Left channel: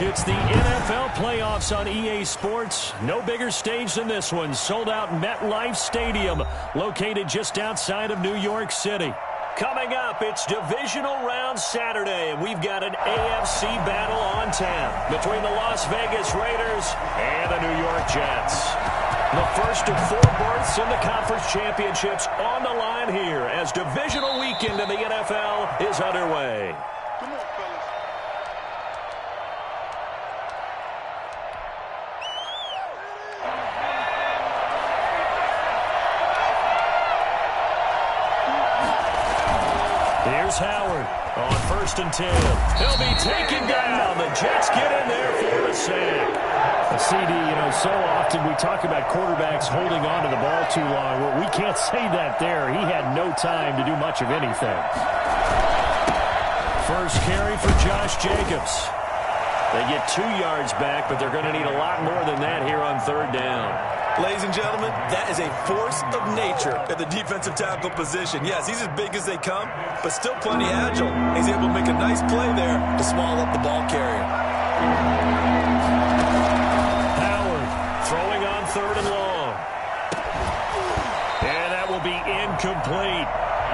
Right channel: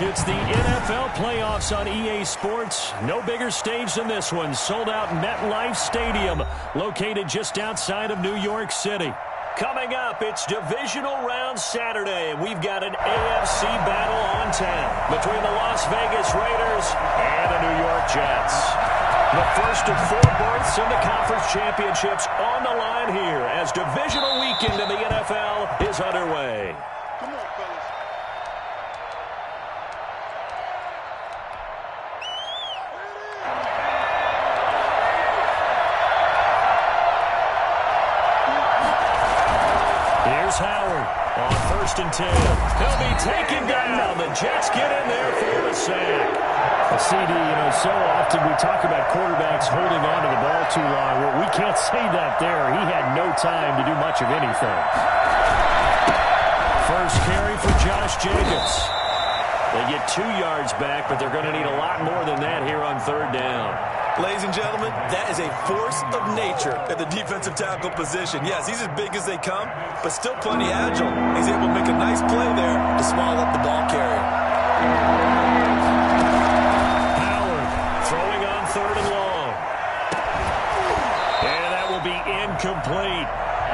It's the NFL playoffs on EA Sports. No bigger stage than this one. Sold out MetLife Stadium, located just outside of New York City. Coming up, it's Divisional Round Saturday, and we've got an AFC battle on town between the Las Vegas Raiders and the New York Jets. The first of 4 berths in the conference championships on the line here as divisional weekend in the NFL is underway. Come on, fellas. Here's Howard on 1st and 10. He'll be taken down. The Jets get in there for the sack. CD, so often we talk about quarterbacks holding on to the ball too long. Well, we can't say that there. He had no time to do much of anything. First carry for Josh Jacobs. They get 2 yards back, but they're going to need a lot more than that here on 3rd down. Ladies and gentlemen, that is a force of nature at the defensive tackle position. Yes, he's as big as they come, but still plenty agile. He's able to make a nice play there to small up the ball carrier. Howard throwing on 3rd and long. And that will be incomplete.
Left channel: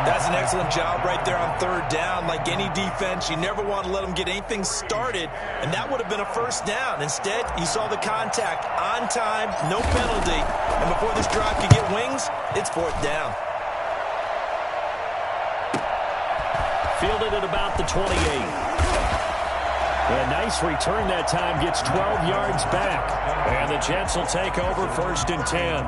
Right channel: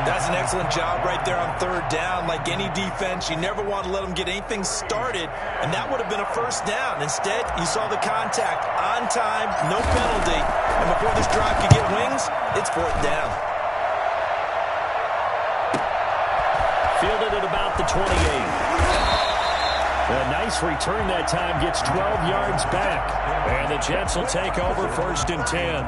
That's an excellent job right there on 3rd down. Like any defense, you never want to let them get anything started, and that would have been a 1st down. Instead, you saw the contact on time, no penalty, and before this drive could get wings, it's 4th down. Fielded at about the 28. A nice return that time, gets 12 yards back, and the Jets will take over 1st and 10.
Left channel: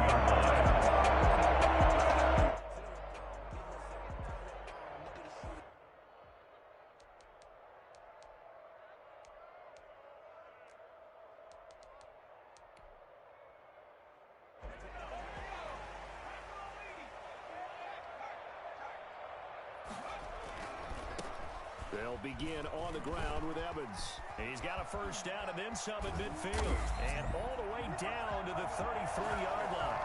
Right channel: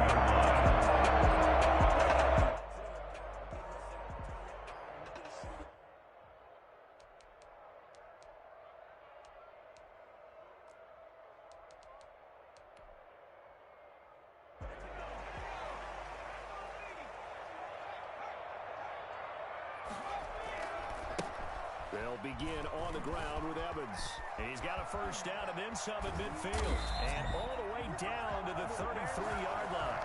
They'll begin on the ground with Evans. He's got a 1st down and then some in midfield. And all the way down to the 33-yard line.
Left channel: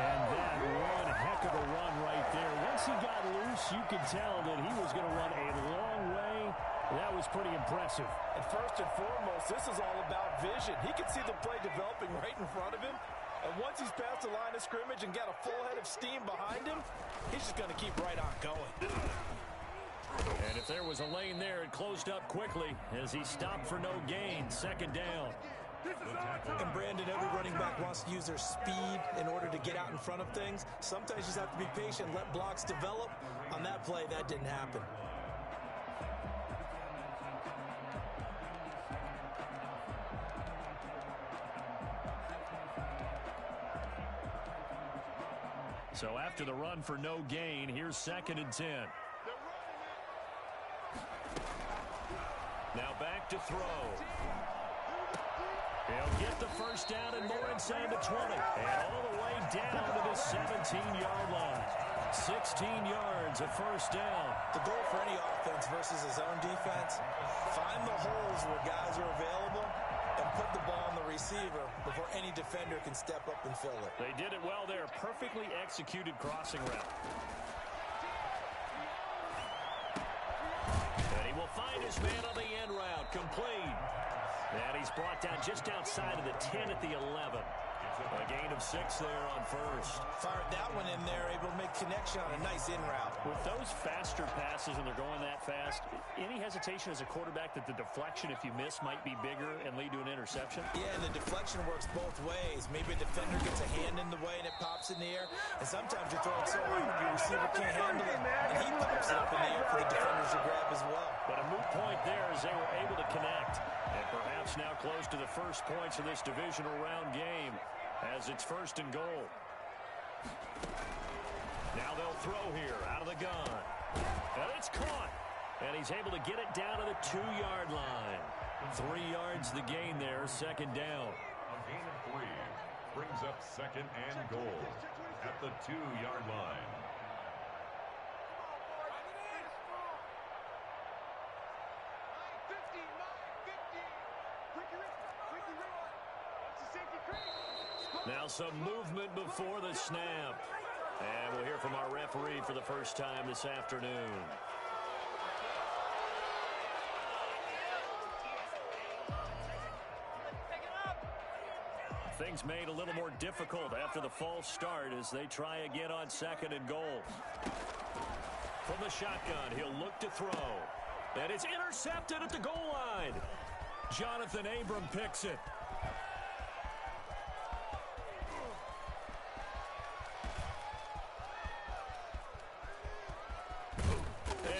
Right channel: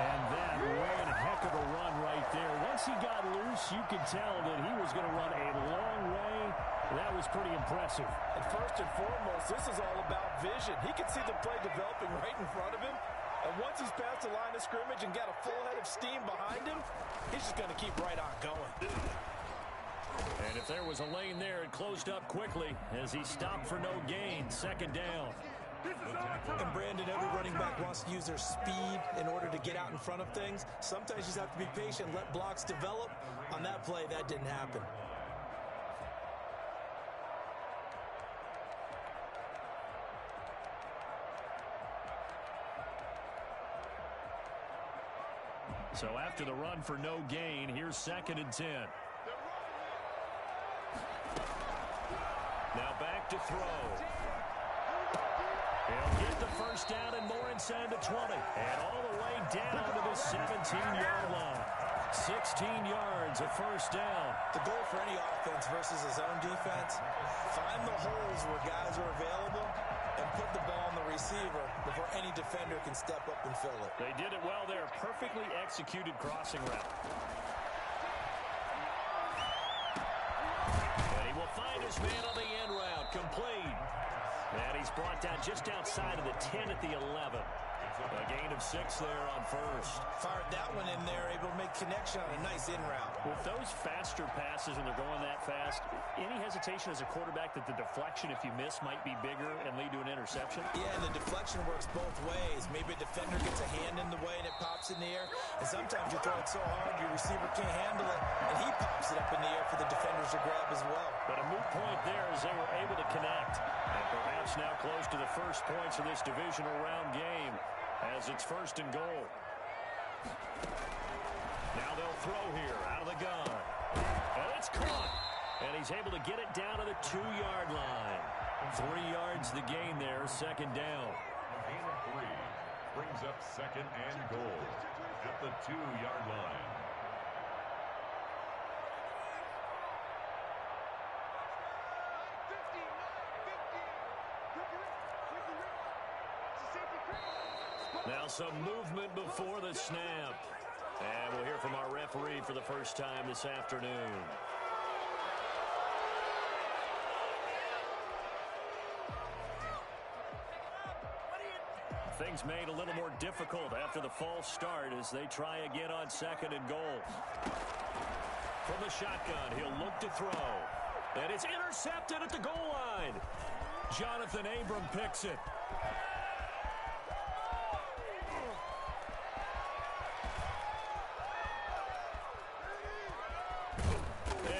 And that one heck of a run right there. Once he got loose, you could tell that he was going to run a long way. That was pretty impressive. And first and foremost, this is all about vision. He can see the play developing right in front of him. And once he's past the line of scrimmage and got a full head of steam behind him, he's just going to keep right on going. And if there was a lane there, it closed up quickly as he stopped for no gain. 2nd down. And Brandon, every running back wants to use their speed in order to get out in front of things. Sometimes you just have to be patient, let blocks develop. On that play, that didn't happen. So after the run for no gain, here's 2nd and 10. Now back to throw. He'll get the 1st down and more inside the 20. And all the way down to the 17-yard line. 16 yards, a 1st down. The goal for any offense versus his own defense, find the holes where guys are available and put the ball on the receiver before any defender can step up and fill it. They did it well there. Perfectly executed crossing route. And he will find his man on the end route. Complete. And he's brought down just outside of the 10 at the 11. A gain of 6 there on 1st. Fired that one in there, able to make connection on a nice in route. With those faster passes and they're going that fast, any hesitation as a quarterback that the deflection, if you miss, might be bigger and lead to an interception? Yeah, and the deflection works both ways. Maybe a defender gets a hand in the way and it pops in the air. And sometimes you're throwing so hard your receiver can't handle it, and he pops it up in the air for the defenders to grab as well. But a moot point there as they were able to connect. And perhaps now close to the first points of this divisional round game, as it's 1st and goal. Now they'll throw here out of the gun. And it's caught. And he's able to get it down to the 2-yard line. 3 yards the gain there, 2nd down. A gain of 3 brings up 2nd and goal at the 2-yard line. Now some movement before the snap. And we'll hear from our referee for the first time this afternoon. Things made a little more difficult after the false start as they try again on 2nd and goal. From the shotgun, he'll look to throw. And it's intercepted at the goal line. Jonathan Abram picks it.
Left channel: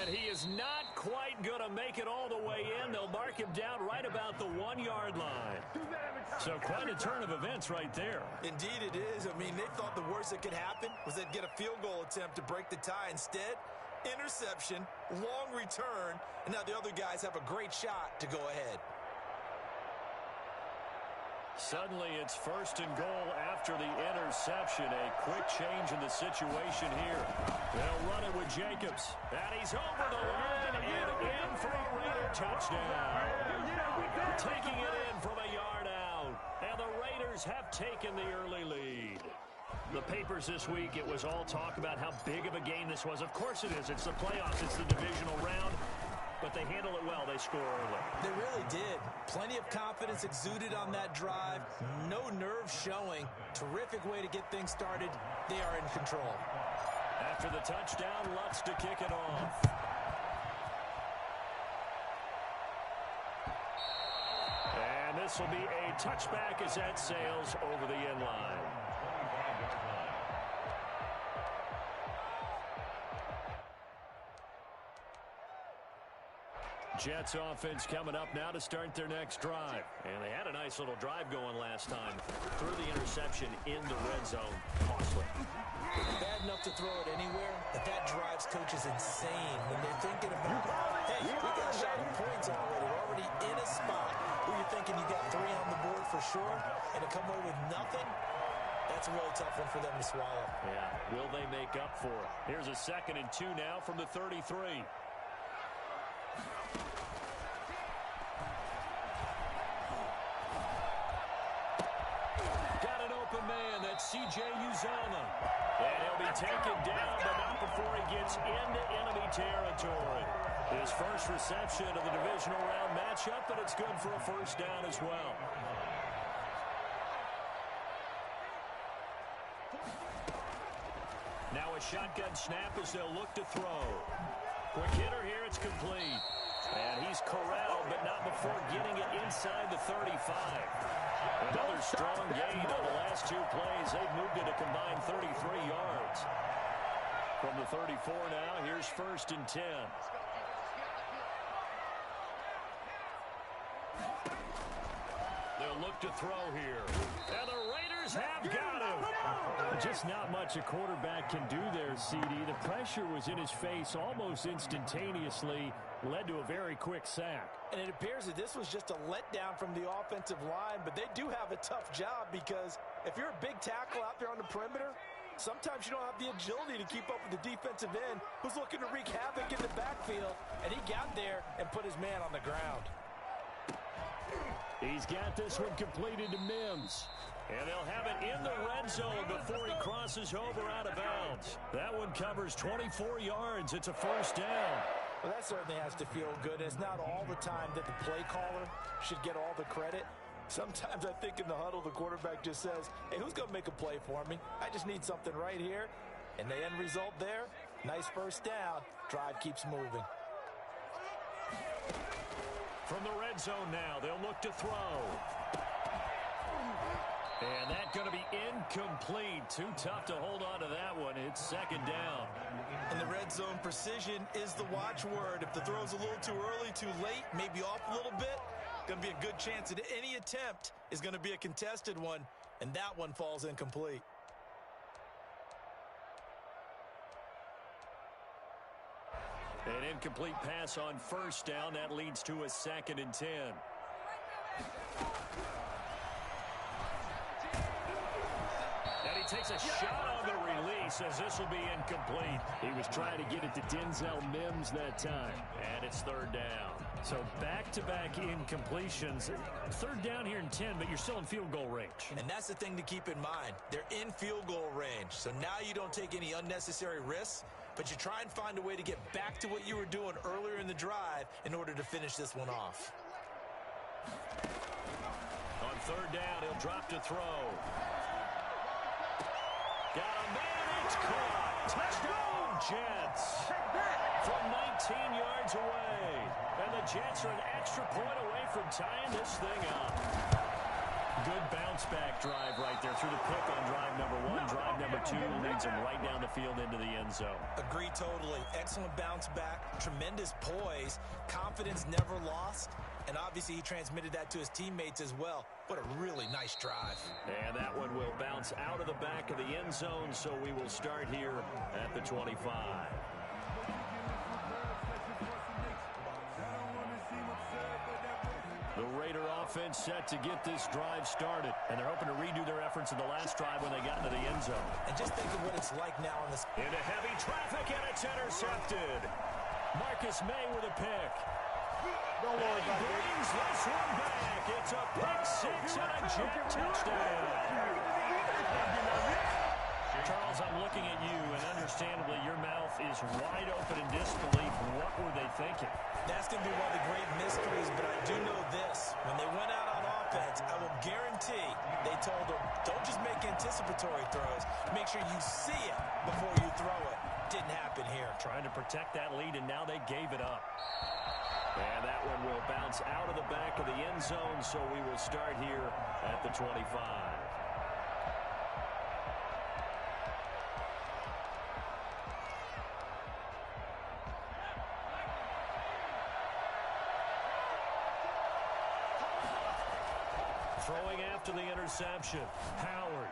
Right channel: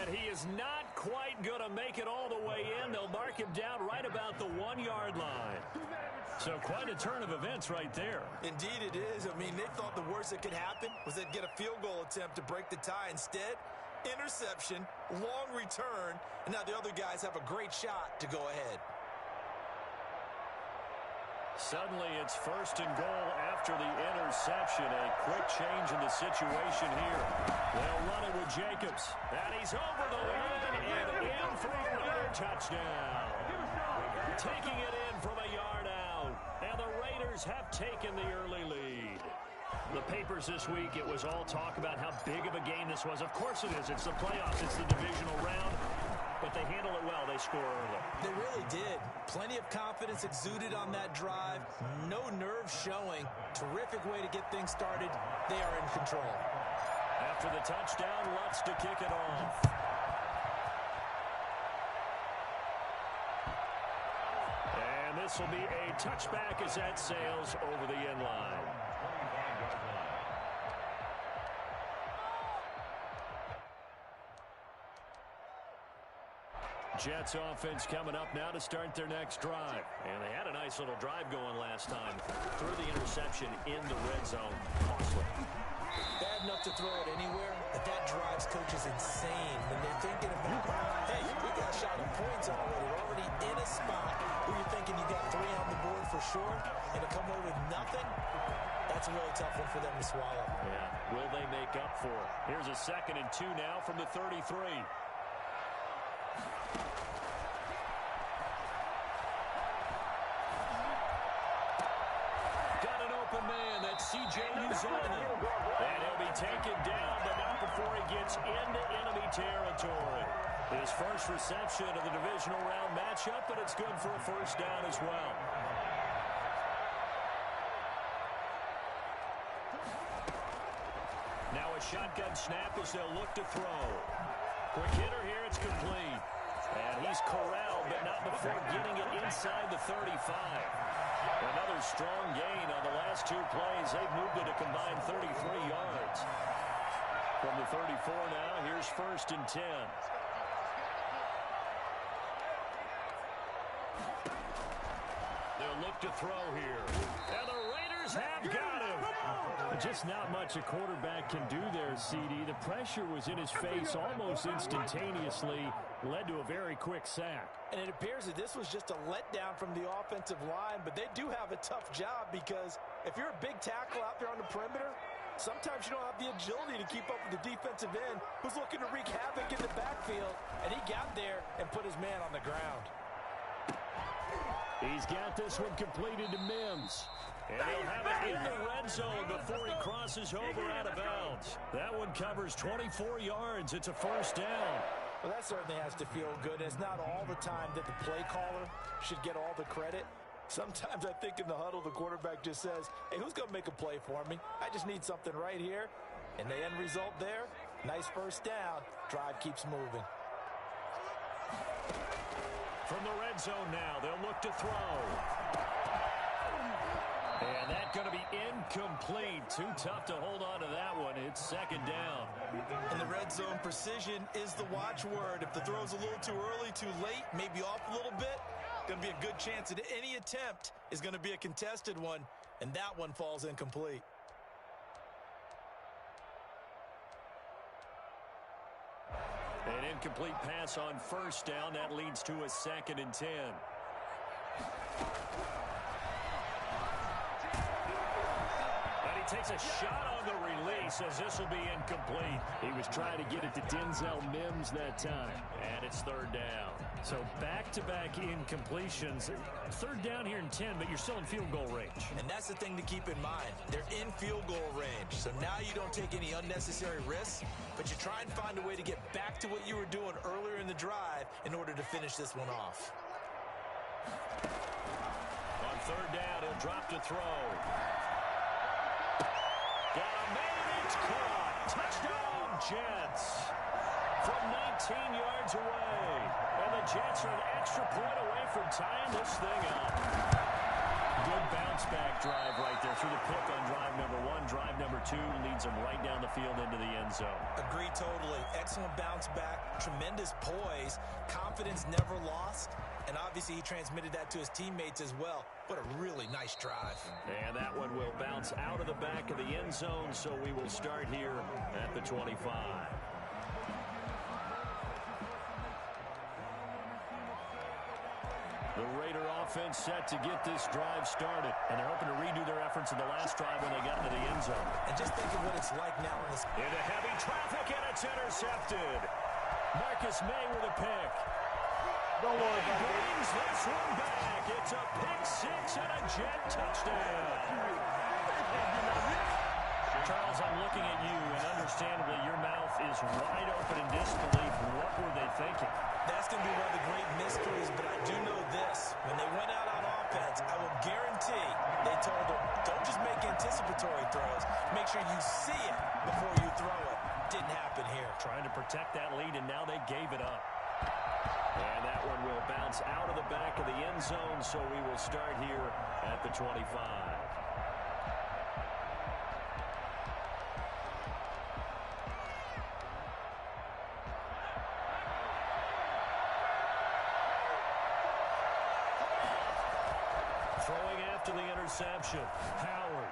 And he is not quite going to make it all the way in. They'll mark him down right about the 1-yard line. So quite a turn of events right there. Indeed it is. I mean, they thought the worst that could happen was they'd get a field goal attempt to break the tie. Instead, interception, long return, and now the other guys have a great shot to go ahead. Suddenly it's 1st and goal after the interception. A quick change in the situation here. They'll run it with Jacobs. And he's over the line and in for a Raider touchdown. Taking it in from a yard out. And the Raiders have taken the early lead. The papers this week, it was all talk about how big of a game this was. Of course it is. It's the playoffs. It's the divisional round. But they handle it well. They score early. They really did. Plenty of confidence exuded on that drive. No nerve showing. Terrific way to get things started. They are in control. After the touchdown, Lutz to kick it off. And this will be a touchback as that sails over the end line. Jets offense coming up now to start their next drive. And they had a nice little drive going last time. Threw the interception in the red zone. Costly. Bad enough to throw it anywhere, but that drives coaches insane when they're thinking about, hey, we got shot at points already. We're already in a spot where you're thinking you got 3 on the board for sure, and to come away with nothing, that's a really tough one for them to swallow. Yeah, will they make up for it? Here's a 2nd and 2 now from the 33. Man, that's C.J. Uzomah. And he'll be taken down, but not before he gets into enemy territory. His first reception of the divisional round matchup, but it's good for a 1st down as well. Now a shotgun snap as they'll look to throw. Quick hitter here, it's complete. And he's corralled, but not before getting it inside the 35. Another strong gain on the last 2 plays. They've moved it a combined 33 yards. From the 34 now, here's 1st and 10. They'll look to throw here. And the Raiders have got him. Just not much a quarterback can do there, CD. The pressure was in his face almost instantaneously. Led to a very quick sack. And it appears that this was just a letdown from the offensive line, but they do have a tough job because if you're a big tackle out there on the perimeter, sometimes you don't have the agility to keep up with the defensive end who's looking to wreak havoc in the backfield, and he got there and put his man on the ground. He's got this one completed to Mims. And he'll have it in the red zone before he crosses over out of bounds. That one covers 24 yards. It's a 1st down. Well, that certainly has to feel good. It's not all the time that the play caller should get all the credit. Sometimes I think in the huddle, the quarterback just says, hey, who's going to make a play for me? I just need something right here. And the end result there, nice 1st down. Drive keeps moving. From the red zone now, they'll look to throw. And that's going to be incomplete. Too tough to hold on to that one. It's 2nd down. In the red zone, precision is the watchword. If the throw's a little too early, too late, maybe off a little bit, going to be a good chance that any attempt is going to be a contested one, and that one falls incomplete. An incomplete pass on 1st down. That leads to a 2nd and 10. And he takes a shot on the release as this will be incomplete. He was trying to get it to Denzel Mims that time. And it's 3rd down. So back-to-back incompletions. 3rd down here in 10, but you're still in field goal range. And that's the thing to keep in mind. They're in field goal range. So now you don't take any unnecessary risks, but you try and find a way to get back to what you were doing earlier in the drive in order to finish this one off. On third down. He'll drop to throw. Got a man. It's caught. Touchdown, Jets. From 19 yards away. And the Jets are an extra point away from tying this thing up. Good bounce-back drive right there through the pick on drive number 1. Drive number 2 leads them right down the field into the end zone. Agree totally. Excellent bounce-back, tremendous poise, confidence never lost, and obviously he transmitted that to his teammates as well. What a really nice drive. And that one will bounce out of the back of the end zone, so we will start here at the 25. The Raider offense set to get this drive started, and they're hoping to redo their efforts in the last drive when they got into the end zone. And just think of what it's like now in this. Into heavy traffic, and it's intercepted. Marcus May with a pick. Don't worry about it. Brings this one back. It's a pick six and a Jet touchdown. Charles, I'm looking at you, and understandably your mouth is wide open in disbelief. What were they thinking? That's going to be one of the great mysteries, but I do know this. When they went out on offense, I will guarantee they told them, don't just make anticipatory throws. Make sure you see it before you throw it. Didn't happen here. Trying to protect that lead, and now they gave it up. And that one will bounce out of the back of the end zone, so we will start here at the 25. Throwing after the interception. Howard.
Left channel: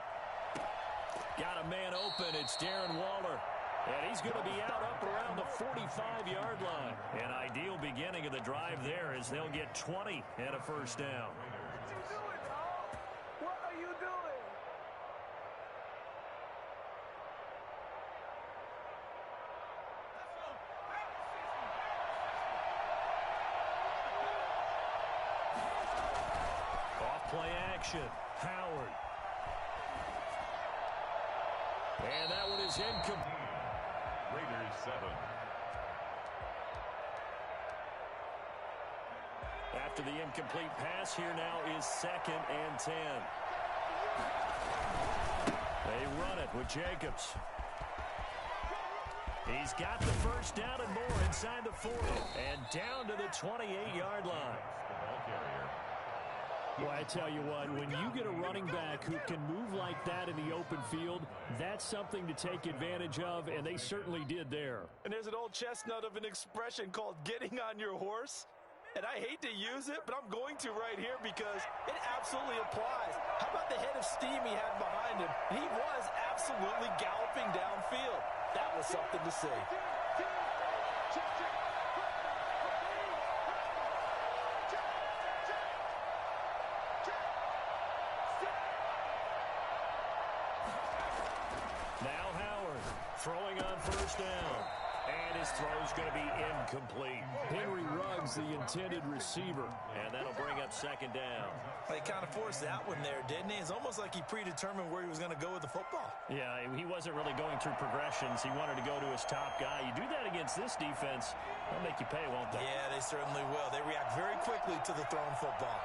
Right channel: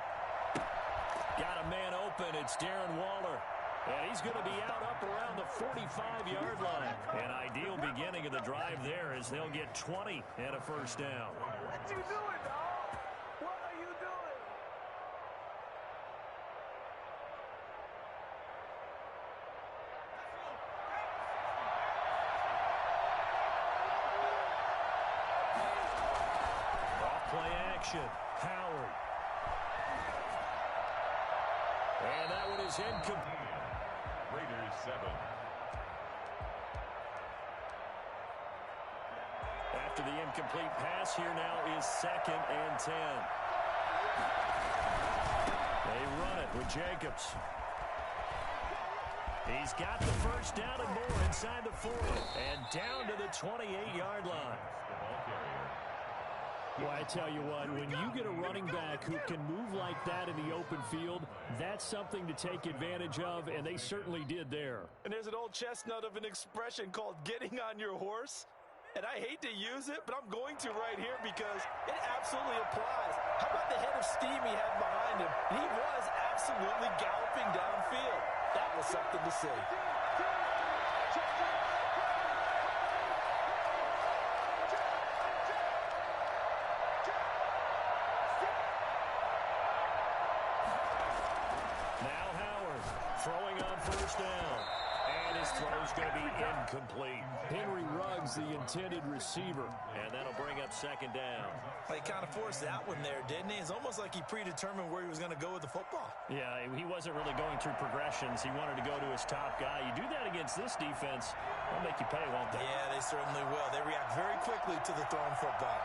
Got a man open. It's Darren Waller. And he's going to be out up around the 45-yard line. An ideal beginning of the drive there as they'll get 20 and a first down. What you doing, dog? What are you doing? Off-play action. Howard. And that one is incomplete. Raiders 7. After the incomplete pass, here now is 2nd and 10. They run it with Jacobs. He's got the first down and more inside the 40 and down to the 28-yard line. The ball carrier. Well, I tell you what, when you get a running back who can move like that in the open field, that's something to take advantage of, and they certainly did there. And there's an old chestnut of an expression called getting on your horse. And I hate to use it, but I'm going to right here because it absolutely applies. How about the head of steam he had behind him? He was absolutely galloping downfield. That was something to see. Now Howard throwing on first down. And his throw's going to be incomplete. Henry Ruggs, the intended receiver. And that'll bring up 2nd down. He kind of forced that one there, didn't he? It's almost like he predetermined where he was going to go with the football. Yeah, he wasn't really going through progressions. He wanted to go to his top guy. You do that against this defense, they'll make you pay, won't they? Yeah, they certainly will. They react very quickly to the thrown football.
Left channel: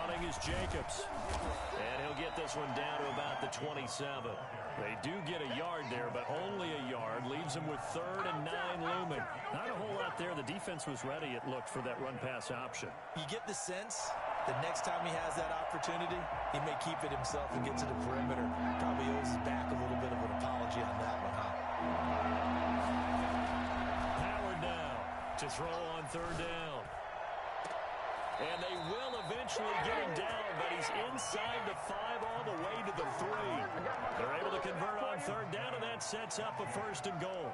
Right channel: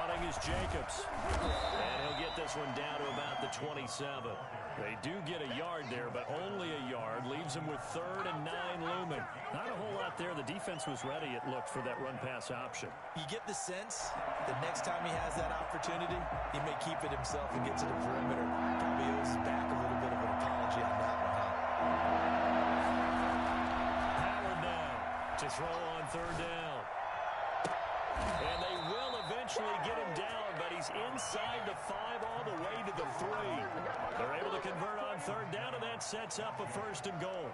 Running is Jacobs. And he'll get this one down to about the 27. They do get a yard there, but only a yard. Leaves them with 3rd and 9 looming. Not a whole lot there. The defense was ready, it looked, for that run-pass option. You get the sense that next time he has that opportunity, he may keep it himself and get to the perimeter. Probably owes his back a little bit of an apology on that one, huh? Howard now to throw on 3rd down. And they will eventually get him down, but he's inside the 5 all the way to the 3. They're able to convert on 3rd down, and that sets up a 1st and goal.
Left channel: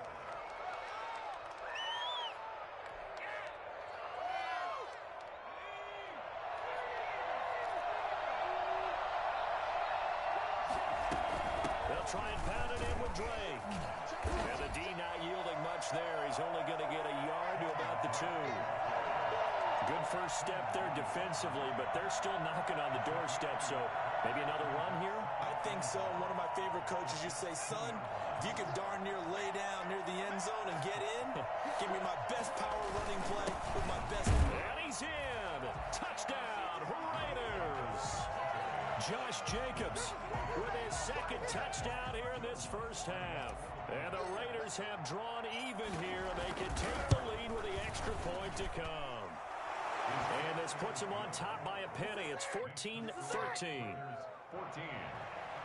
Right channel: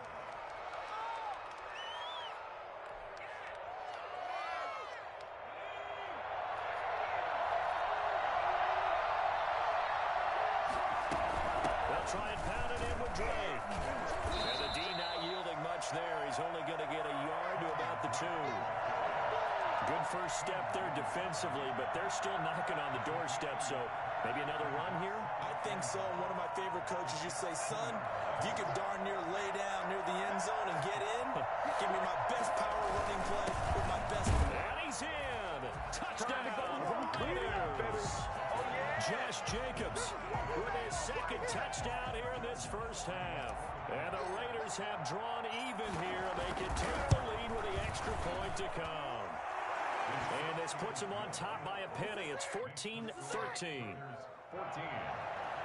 They'll try and pound it in with Drake. And the D not yielding much there. He's only going to get a yard to about the 2. Good first step there defensively, but they're still knocking on the doorstep, so maybe another run here? I think so. One of my favorite coaches used to say, son, if you can darn near lay down near the end zone and get in, give me my best power running play with my best. And he's in. Touchdown, Josh Jacobs with his second touchdown here in this first half. And the Raiders have drawn even here. They can take the lead with the extra point to come. And this puts them on top by a penny. It's 14-13. 14.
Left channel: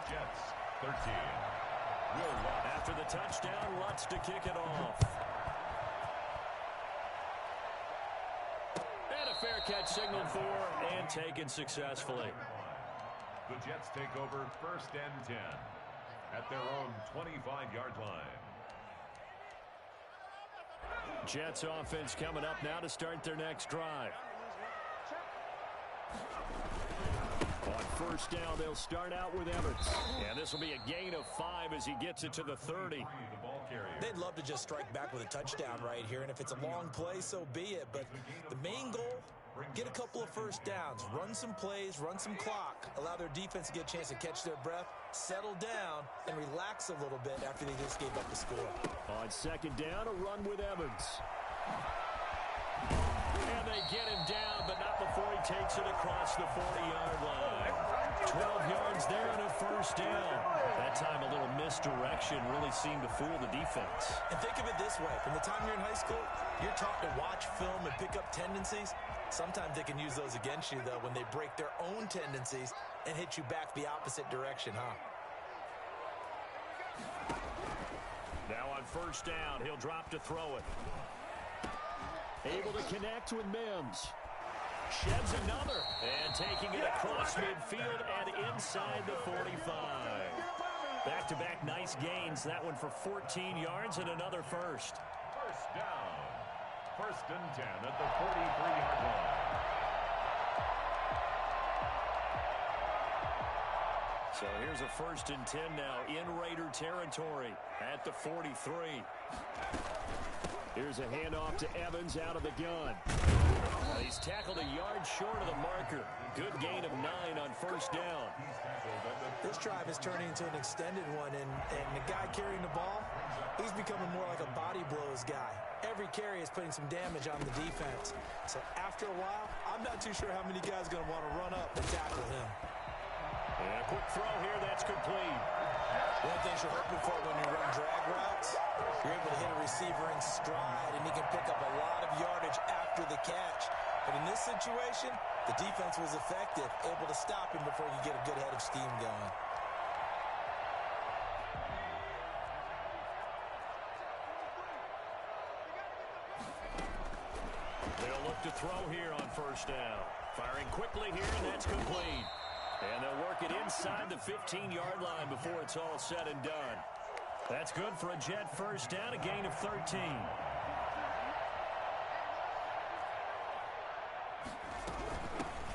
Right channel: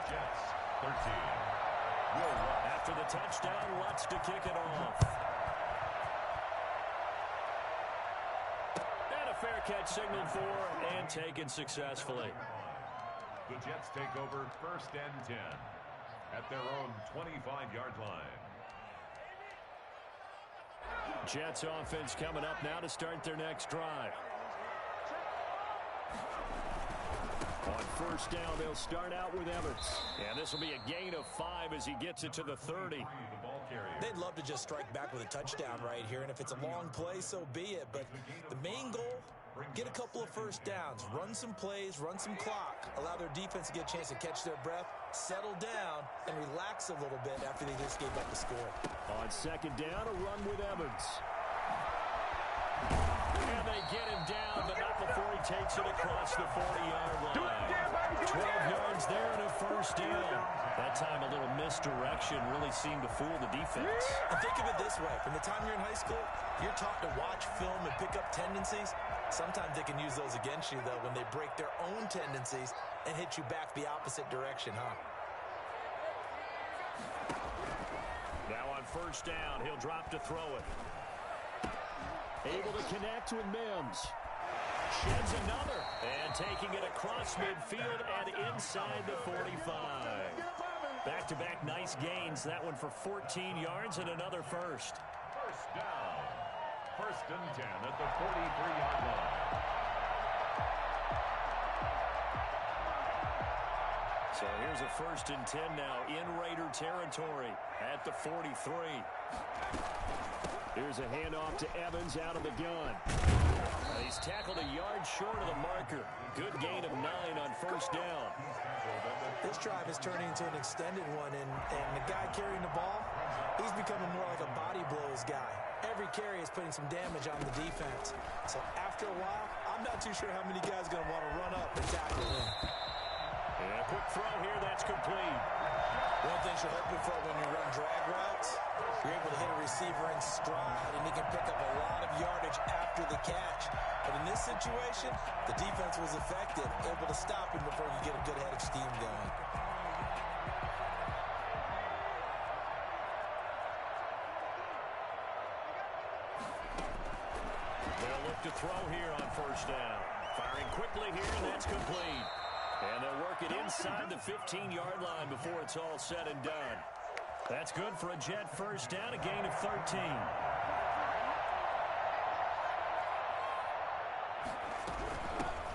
Jets 13. After the touchdown, Lutz to kick it off. And a fair catch signaled for and taken successfully. The Jets take over 1st and 10 at their own 25-yard line. Jets offense coming up now to start their next drive. On first down, they'll start out with Evans. And this will be a gain of 5 as he gets it to the 30. They'd love to just strike back with a touchdown right here, and if it's a long play, so be it. But the main goal, get a couple of first downs, run some plays, run some clock, allow their defense to get a chance to catch their breath, settle down, and relax a little bit after they just gave up the score. On second down, a run with Evans. And they get him down, but not before he takes it across the 40-yard line. 12 yards there and a first down. That time a little misdirection really seemed to fool the defense. And think of it this way. From the time you're in high school, you're taught to watch film and pick up tendencies. Sometimes they can use those against you, though, when they break their own tendencies and hit you back the opposite direction, huh? Now on first down, he'll drop to throw it. Able to connect with Mims. Sheds another. And taking it across midfield and inside the 45. Back-to-back nice gains. That one for 14 yards and another first. First down. 1st and 10 at the 43-yard line. So here's a 1st and 10 now in Raider territory at the 43. Here's a handoff to Evans out of the gun. He's tackled a yard short of the marker. Good gain of 9 on first down. This drive is turning into an extended one, and the guy carrying the ball, he's becoming more like a body blows guy. Every carry is putting some damage on the defense. So after a while, I'm not too sure how many guys are going to want to run up and tackle him. And a quick throw here, that's complete. One thing you're hoping for when you run drag routes, you're able to hit a receiver in stride, and he can pick up a lot of yardage after the catch. But in this situation, the defense was effective, able to stop him before you get a good head of steam going. They'll look to throw here on first down. Firing quickly here, and that's complete. And they'll work it inside the 15-yard line before it's all said and done. That's good for a Jet first down, a gain of 13.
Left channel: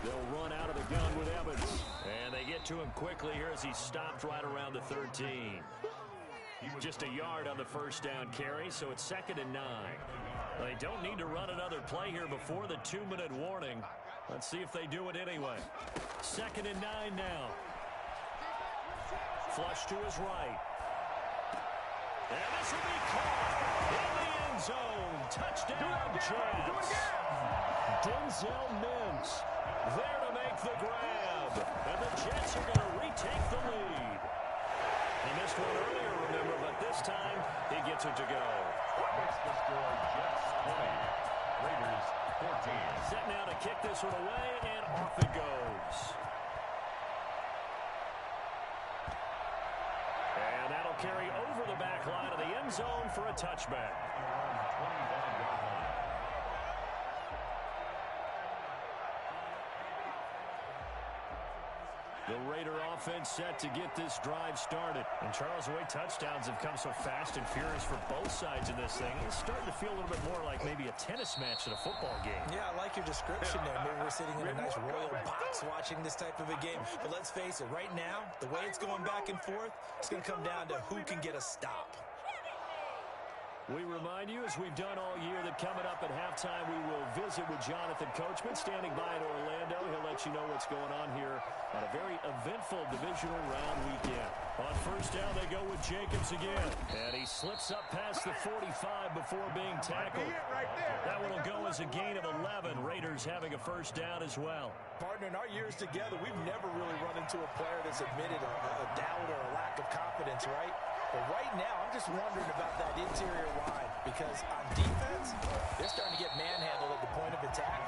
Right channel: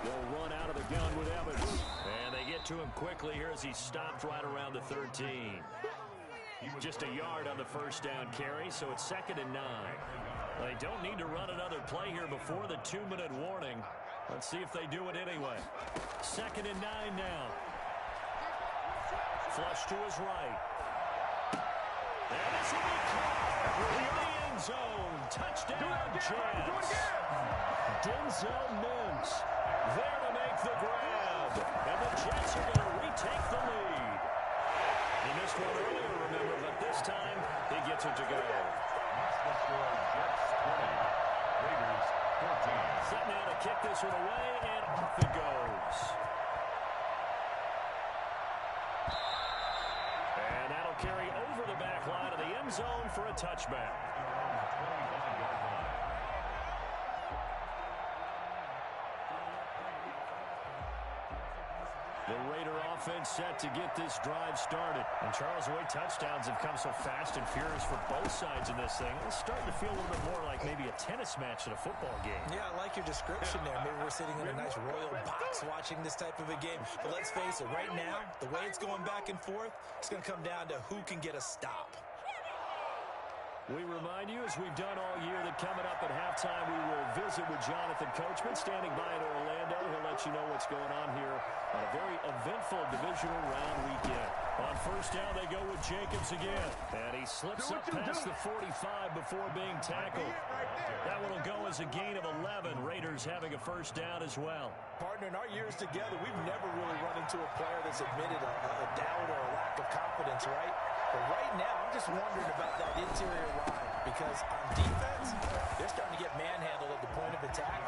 They'll run out of the gun with Evans. And they get to him quickly here as he stopped right around the 13. Just a yard on the first down carry, so it's 2nd and 9. They don't need to run another play here before the 2-minute warning. Let's see if they do it anyway. 2nd and 9 now. Flush to his right. And this will be caught in the end zone. Touchdown, Jets. Denzel Mims there to make the grab. And the Jets are going to retake the lead. He missed one earlier, remember, but this time he gets it to go. Makes the score Jets 20. Raiders 14. Set now to kick this one away, and off it goes. And that'll carry over the back line of the end zone for a touchback. 25-yard line. The Raider offense set to get this drive started. And Charles, the way touchdowns have come so fast and furious for both sides in this thing, it's starting to feel a little bit more like maybe a tennis match at a football game. Yeah, I like your description there. Maybe we're sitting in a nice royal box watching this type of a game. But let's face it, right now, the way it's going back and forth, it's going to come down to who can get a stop. We remind you, as we've done all year, that coming up at halftime, we will visit with Jonathan Coachman, standing by in Orlando. He'll let you know what's going on here on a very eventful divisional round weekend. On first down, they go with Jacobs again. And he slips up past the 45 before being tackled. That one will go as a gain of 11. Raiders having a first down as well. Partner, in our years together, we've never really run into a player that's admitted a doubt or a lack of confidence, right? But right now, I'm just wondering about that interior line because on defense, they're starting to get manhandled at the point of attack.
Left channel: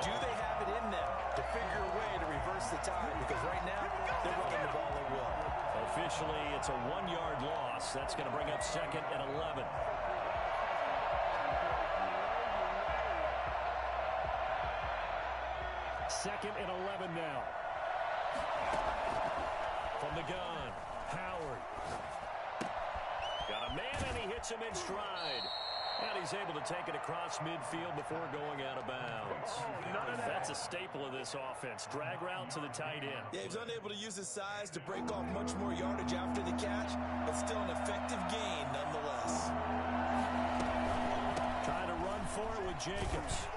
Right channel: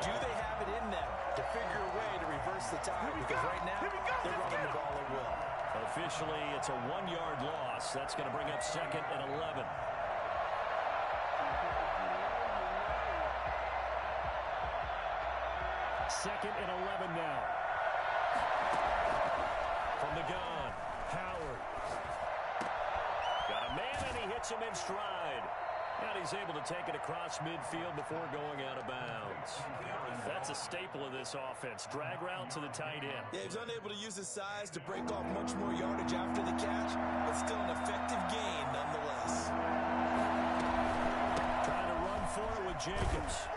Do they have it in them to figure a way to reverse the tide? Because right now, they're running the ball at will. Officially, it's a 1-yard loss. That's going to bring up 2nd and 11. Second and 11 now. From the gun, Howard. Got a man, and he hits him in stride. And he's able to take it across midfield before going out of bounds. That's a staple of this offense. Drag route to the tight end. Yeah, he's unable to use his size to break off much more yardage after the catch, but still an effective gain nonetheless. Trying to run for it with Jacobs.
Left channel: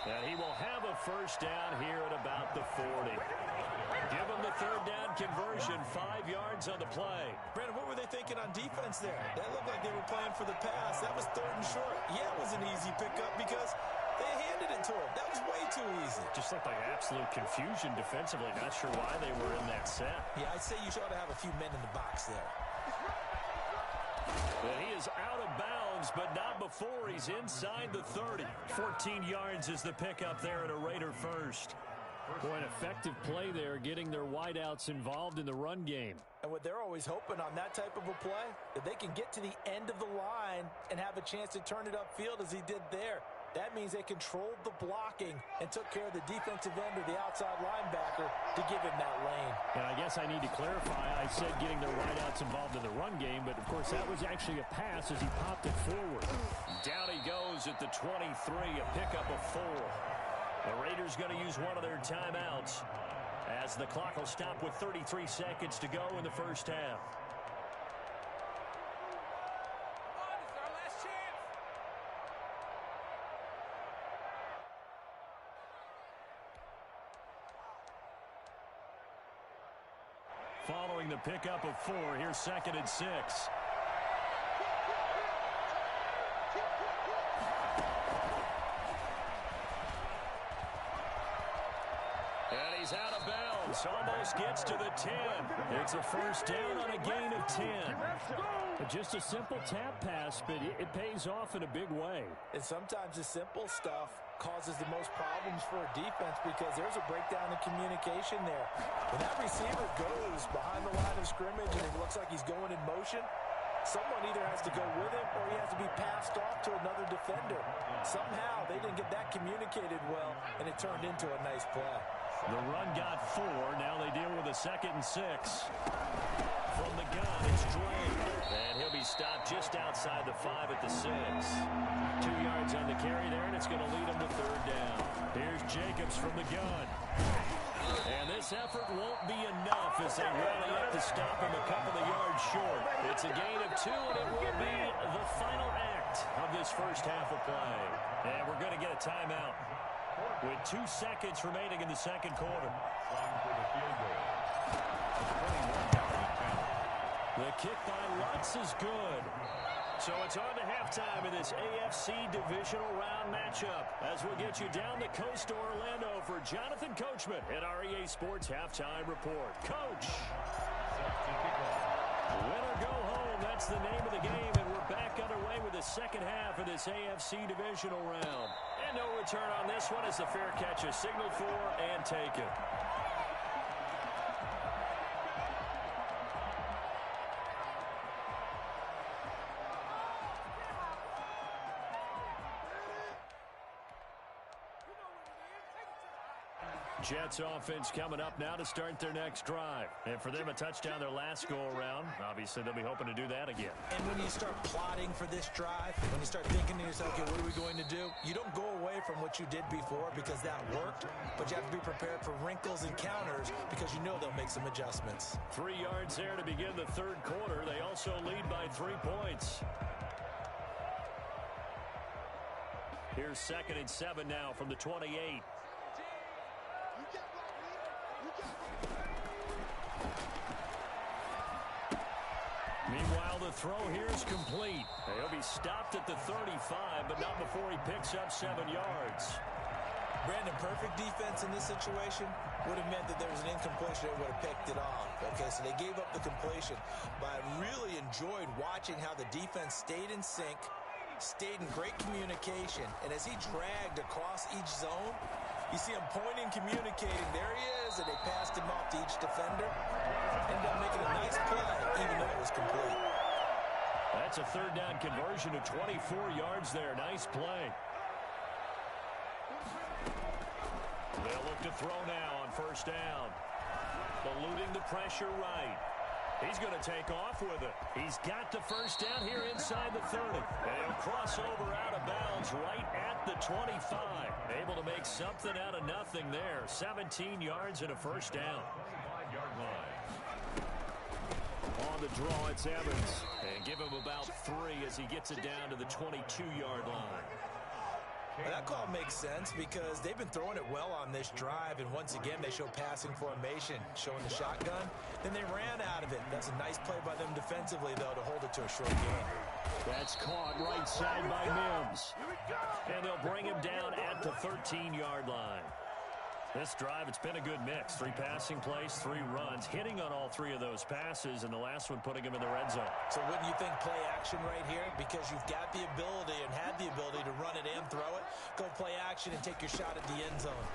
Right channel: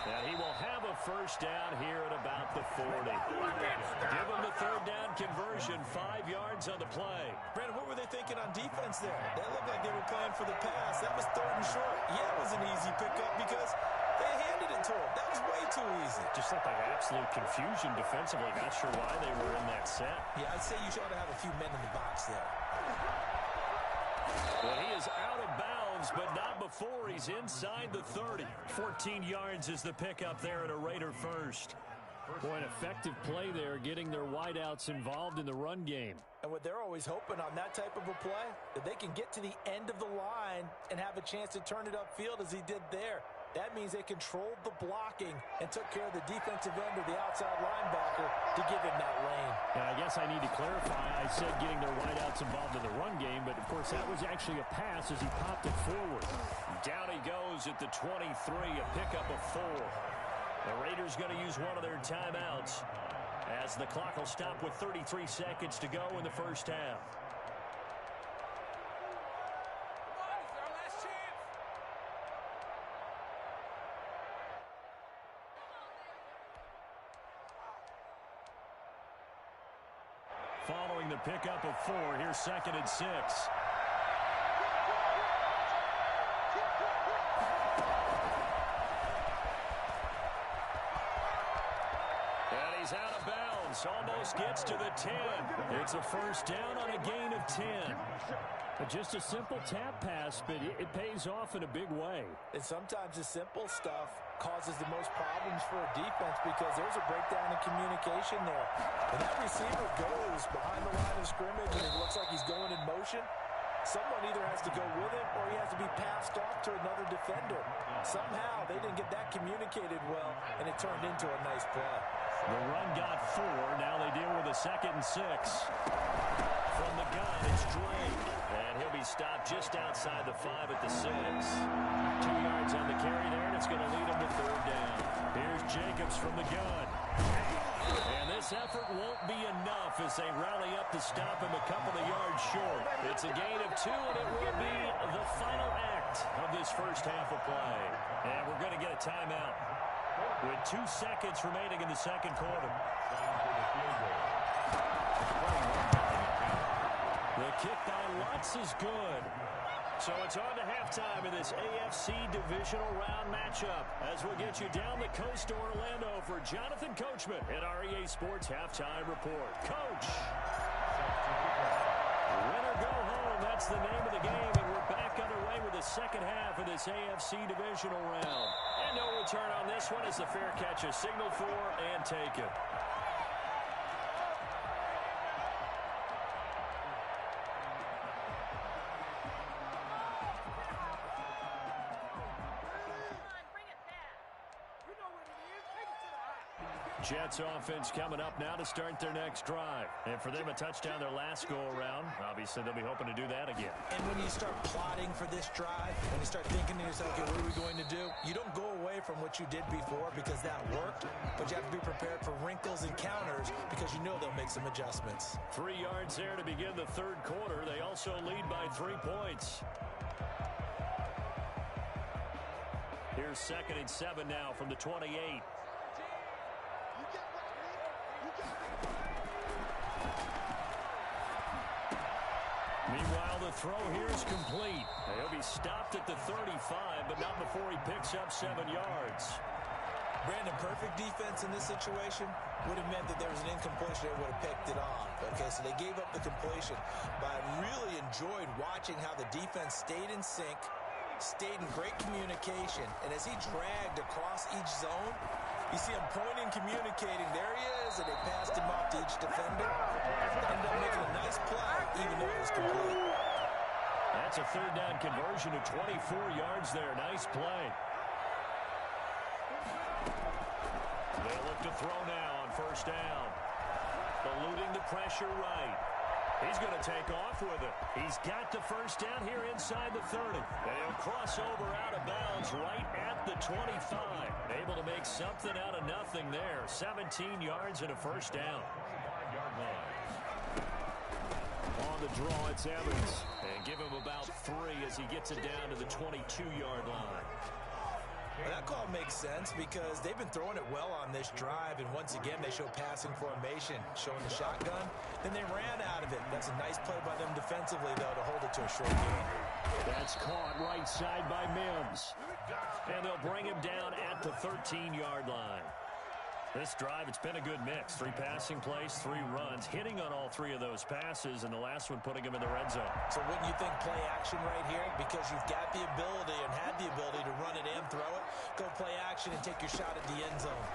And he will have a first down here at about the 40. Give him the third down conversion, 5 yards on the play. Brandon, what were they thinking on defense there? They looked like they were playing for the pass. That was 3rd and short. Yeah, it was an easy pickup because they handed it to him. That was way too easy. Just looked like absolute confusion defensively. Not sure why they were in that set. Yeah, I'd say you ought to have a few men in the box there. Well, he is out of bounds, but not before he's inside the 30. 14 yards is the pickup there at a Raider first. Boy, an effective play there, getting their wideouts involved in the run game. And what they're always hoping on that type of a play, that they can get to the end of the line and have a chance to turn it upfield as he did there. That means they controlled the blocking and took care of the defensive end or the outside linebacker to give him that lane. And I guess I need to clarify, I said getting their wideouts involved in the run game, but of course that was actually a pass as he popped it forward. Down he goes at the 23, a pickup of 4. The Raiders going to use one of their timeouts as the clock will stop with 33 seconds to go in the first half. Following the pickup of 4, here's 2nd and 6. And he's out of bounds. Almost gets to the 10. It's a first down on a gain of 10. Just a simple tap pass, but it pays off in a big way. And sometimes the simple stuff causes the most problems for a defense because there's a breakdown in communication there. When that receiver goes behind the line of scrimmage and it looks like he's going in motion, someone either has to go with him or he has to be passed off to another defender. Somehow they didn't get that communicated well, and it turned into a nice play. The run got 4. Now they deal with a 2nd and 6. From the gun, it's Drake. And he'll be stopped just outside the 5 at the 6. 2 yards on the carry there, and it's going to lead him to 3rd down. Here's Jacobs from the gun. And this effort won't be enough as they rally up to stop him a couple of yards short. It's a gain of 2, and it will be the final act of this first half of play. And we're going to get a timeout with 2 seconds remaining in the second quarter. The kick by Lutz is good. So it's on to halftime in this AFC Divisional Round matchup as we'll get you down the coast to Orlando for Jonathan Coachman at our EA Sports Halftime Report. Coach! Win or go home, that's the name of the game, and we're back underway with the second half of this AFC Divisional Round. And no return on this one as the fair catch is signaled for and taken. Jets offense coming up now to start their next drive. And for them, a touchdown their last go-around. Obviously, they'll be hoping to do that again. And when you start plotting for this drive, when you start thinking to yourself, okay, what are we going to do? You don't go away from what you did before because that worked, but you have to be prepared for wrinkles and counters because you know they'll make some adjustments. 3 yards there to begin the third quarter. They also lead by 3 points. Here's 2nd and 7 now from the 28. Meanwhile, the throw here is complete. He'll be stopped at the 35, but not before he picks up 7 yards. Brandon, perfect defense in this situation would have meant that there was an incompletion. They would have picked it off. Okay, so they gave up the completion. But I really enjoyed watching how the defense stayed in sync, stayed in great communication, and as he dragged across each zone, you see him pointing, communicating. There he is, and they passed him off to each defender. Ended up making a nice play, even though it was complete. That's a third down conversion of 24 yards there. Nice play. They'll look to throw now on first down. Eluding the pressure right. He's going to take off with it. He's got the first down here inside the 30. And he'll cross over out of bounds right at the 25. Able to make something out of nothing there. 17 yards and a first down. 5-yard line. On the draw, it's Evans. And give him about 3 as he gets it down to the 22-yard line. Well, that call makes sense because they've been throwing it well on this drive, and once again they show passing formation, showing the shotgun. Then they ran out of it. That's a nice play by them defensively, though, to hold it to a short game. That's caught right side by Mims. And they'll bring him down at the 13-yard line. This drive, it's been a good mix. 3 passing plays, 3 runs, hitting on all 3 of those passes, and the last one putting him in the red zone. So wouldn't you think play action right here? Because you've got the ability and had the ability to run it and throw it. Go play action and take your shot at the end zone.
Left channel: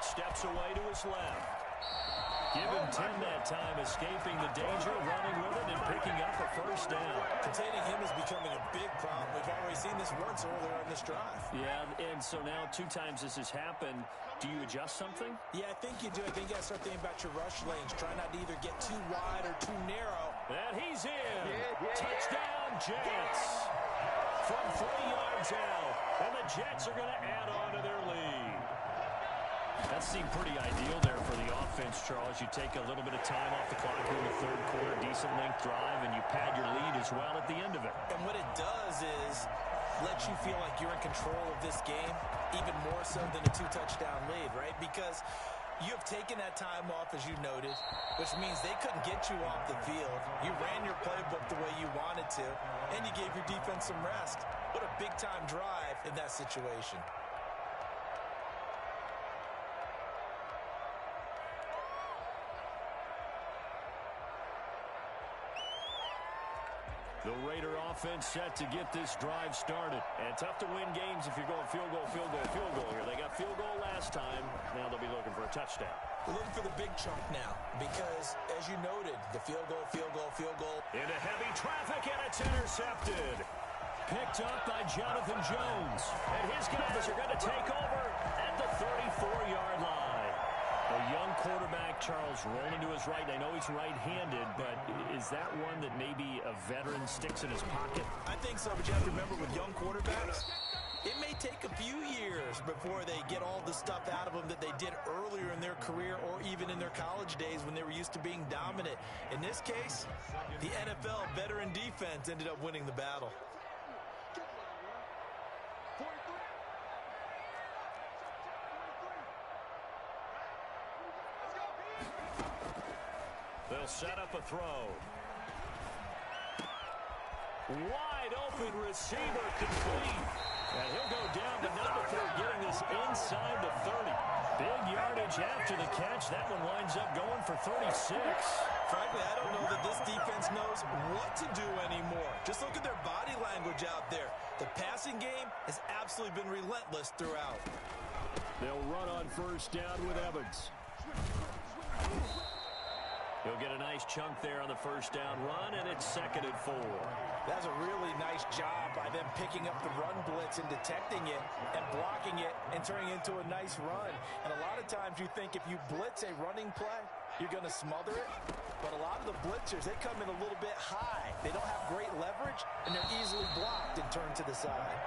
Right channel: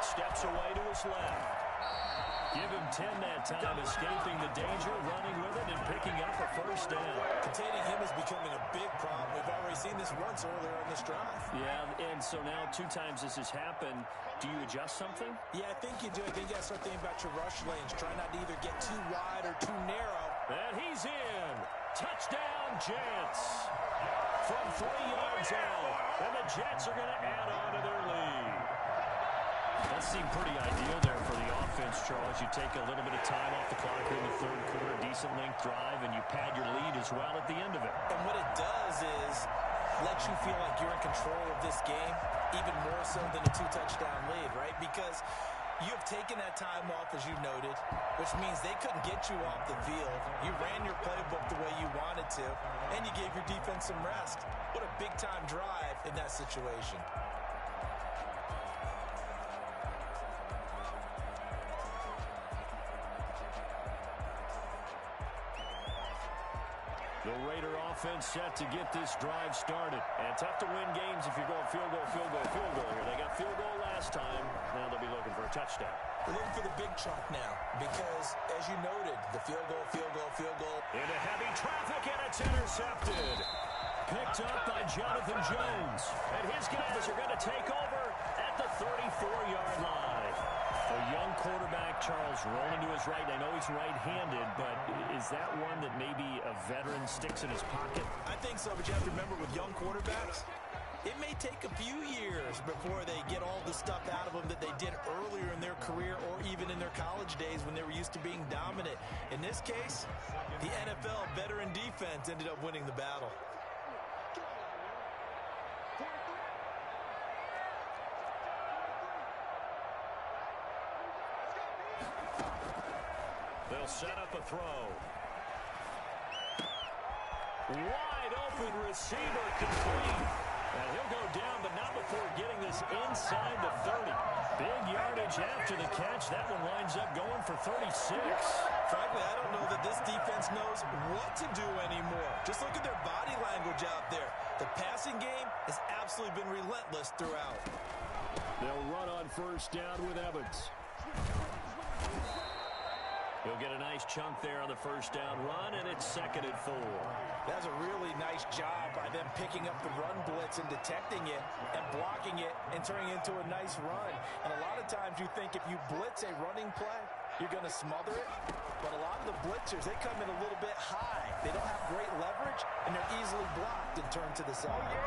Steps away to his left. Give him 10 that time, escaping the danger, running with it, and picking up a first down. Containing him is becoming a big problem. We've already seen this once earlier on this drive. Yeah, and so now 2 times this has happened. Do you adjust something? Yeah, I think you do. I think you got to start thinking about your rush lanes. Try not to either get too wide or too narrow. And he's in. Touchdown, Jets. From 3 yards out. And the Jets are going to add on to their lead. That seemed pretty ideal there for the offense, Charles. You take a little bit of time off the clock here in the third quarter, decent length drive, and you pad your lead as well at the end of it. And what it does is let you feel like you're in control of this game, even more so than a 2-touchdown lead, right? Because you have taken that time off, as you noted, which means they couldn't get you off the field. You ran your playbook the way you wanted to, and you gave your defense some rest. What a big-time drive in that situation. The Raider offense set to get this drive started. And tough to win games if you're going field goal, field goal, field goal here. They got field goal last time. Now they'll be looking for a touchdown. They're looking for the big chunk now because, as you noted, the field goal, field goal, field goal. Into heavy traffic, and it's intercepted. Picked up by Jonathan Jones. And his guys are going to take over at the 34-yard line. A young quarterback, Charles, rolling to his right. I know he's right-handed, but is that one that maybe a veteran sticks in his pocket? I think so, but you have to remember with young quarterbacks, it may take a few years before they get all the stuff out of them that they did earlier in their career or even in their college days when they were used to being dominant. In this case, the NFL veteran defense ended up winning the battle. They'll set up a throw. Wide open receiver complete. And he'll go down, but not before getting this inside the 30. Big yardage after the catch. That one winds up going for 36. Frankly, I don't know that this defense knows what to do anymore. Just look at their body language out there. The passing game has absolutely been relentless throughout. They'll run on first down with Evans. He'll get a nice chunk there on the first down run, and it's 2nd and 4. That's a really nice job by them picking up the run blitz and detecting it and blocking it and turning it into a nice run. And a lot of times you think if you blitz a running play, you're going to smother it. But a lot of the blitzers, they come in a little bit high. They don't have great leverage, and they're easily blocked and turned to the side.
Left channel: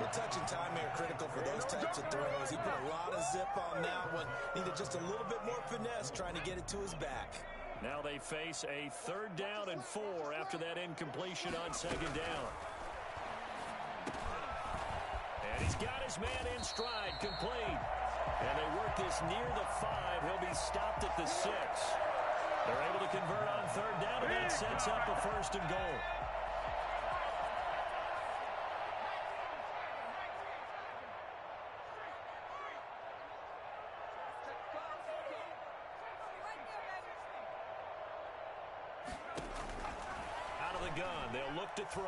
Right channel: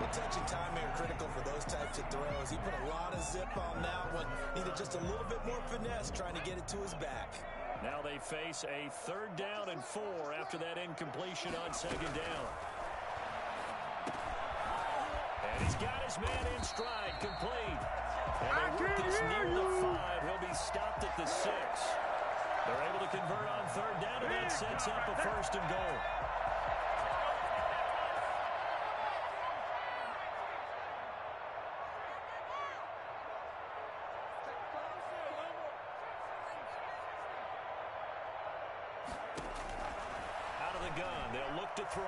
The touch and timing are critical for those types of throws. He put a lot of zip on that one. Needed just a little bit more finesse trying to get it to his back. Now they face a 3rd down and 4 after that incompletion on 2nd down. And he's got his man in stride, complete. And they work this near the 5. He'll be stopped at the 6. They're able to convert on third down, and that sets up a first and goal. Out of the gun, they'll look to throw.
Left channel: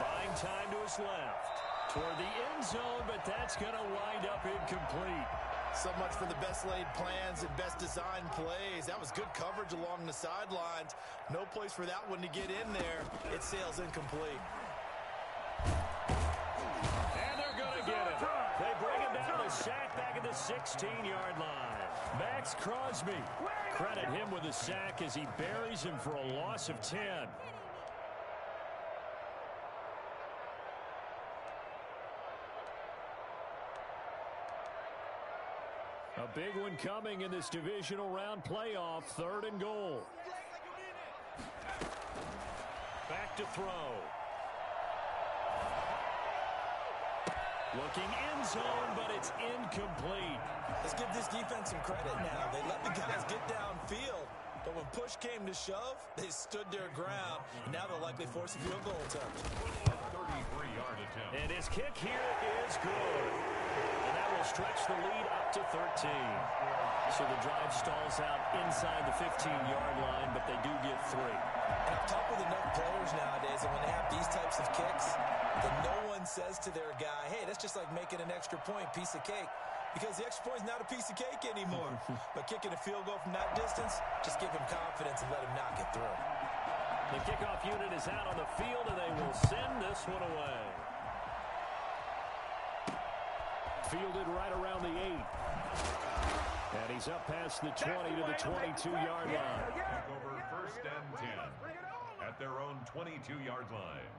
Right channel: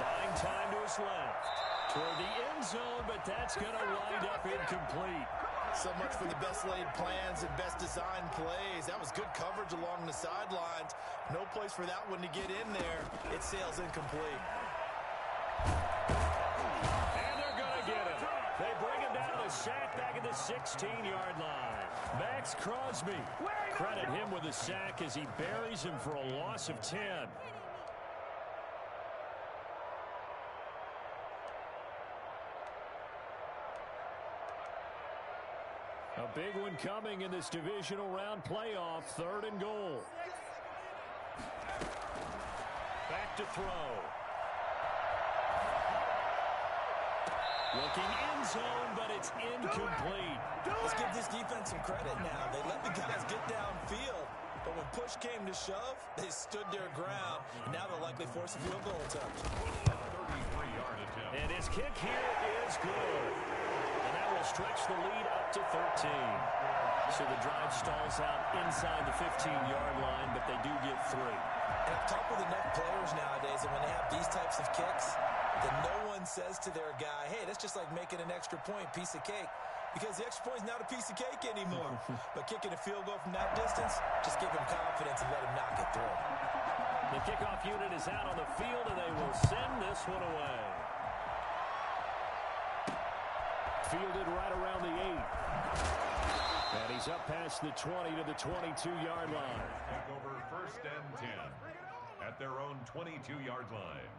Buying time to his left. Toward the end zone, but that's going to wind up incomplete. So much for the best laid plans and best designed plays. That was good coverage along the sidelines. No place for that one to get in there. It sails incomplete. And they're going to get him. They bring him down to the sack back at the 16-yard line. Max Crosby. Credit him with a sack as he buries him for a loss of 10. A big one coming in this divisional round playoff, third and goal. Back to throw. Looking end zone, but it's incomplete. Let's give this defense some credit now. They let the guys get downfield, but when push came to shove, they stood their ground, and now they'll likely force a field goal attempt. 33-yard attempt. And his kick here is good. And that will stretch the lead up to 13. So the drive stalls out inside the 15-yard line, but they do get 3. And I've talked with enough players nowadays, and when they have these types of kicks, then no one says to their guy, hey, that's just like making an extra point, piece of cake. Because the extra point is not a piece of cake anymore. But kicking a field goal from that distance, just give him confidence and let him knock it through. The kickoff unit is out on the field, and they will send this one away. Fielded right around the 8. And he's up past the 20 to the 22-yard line. Take over first and 10 at their own 22-yard line.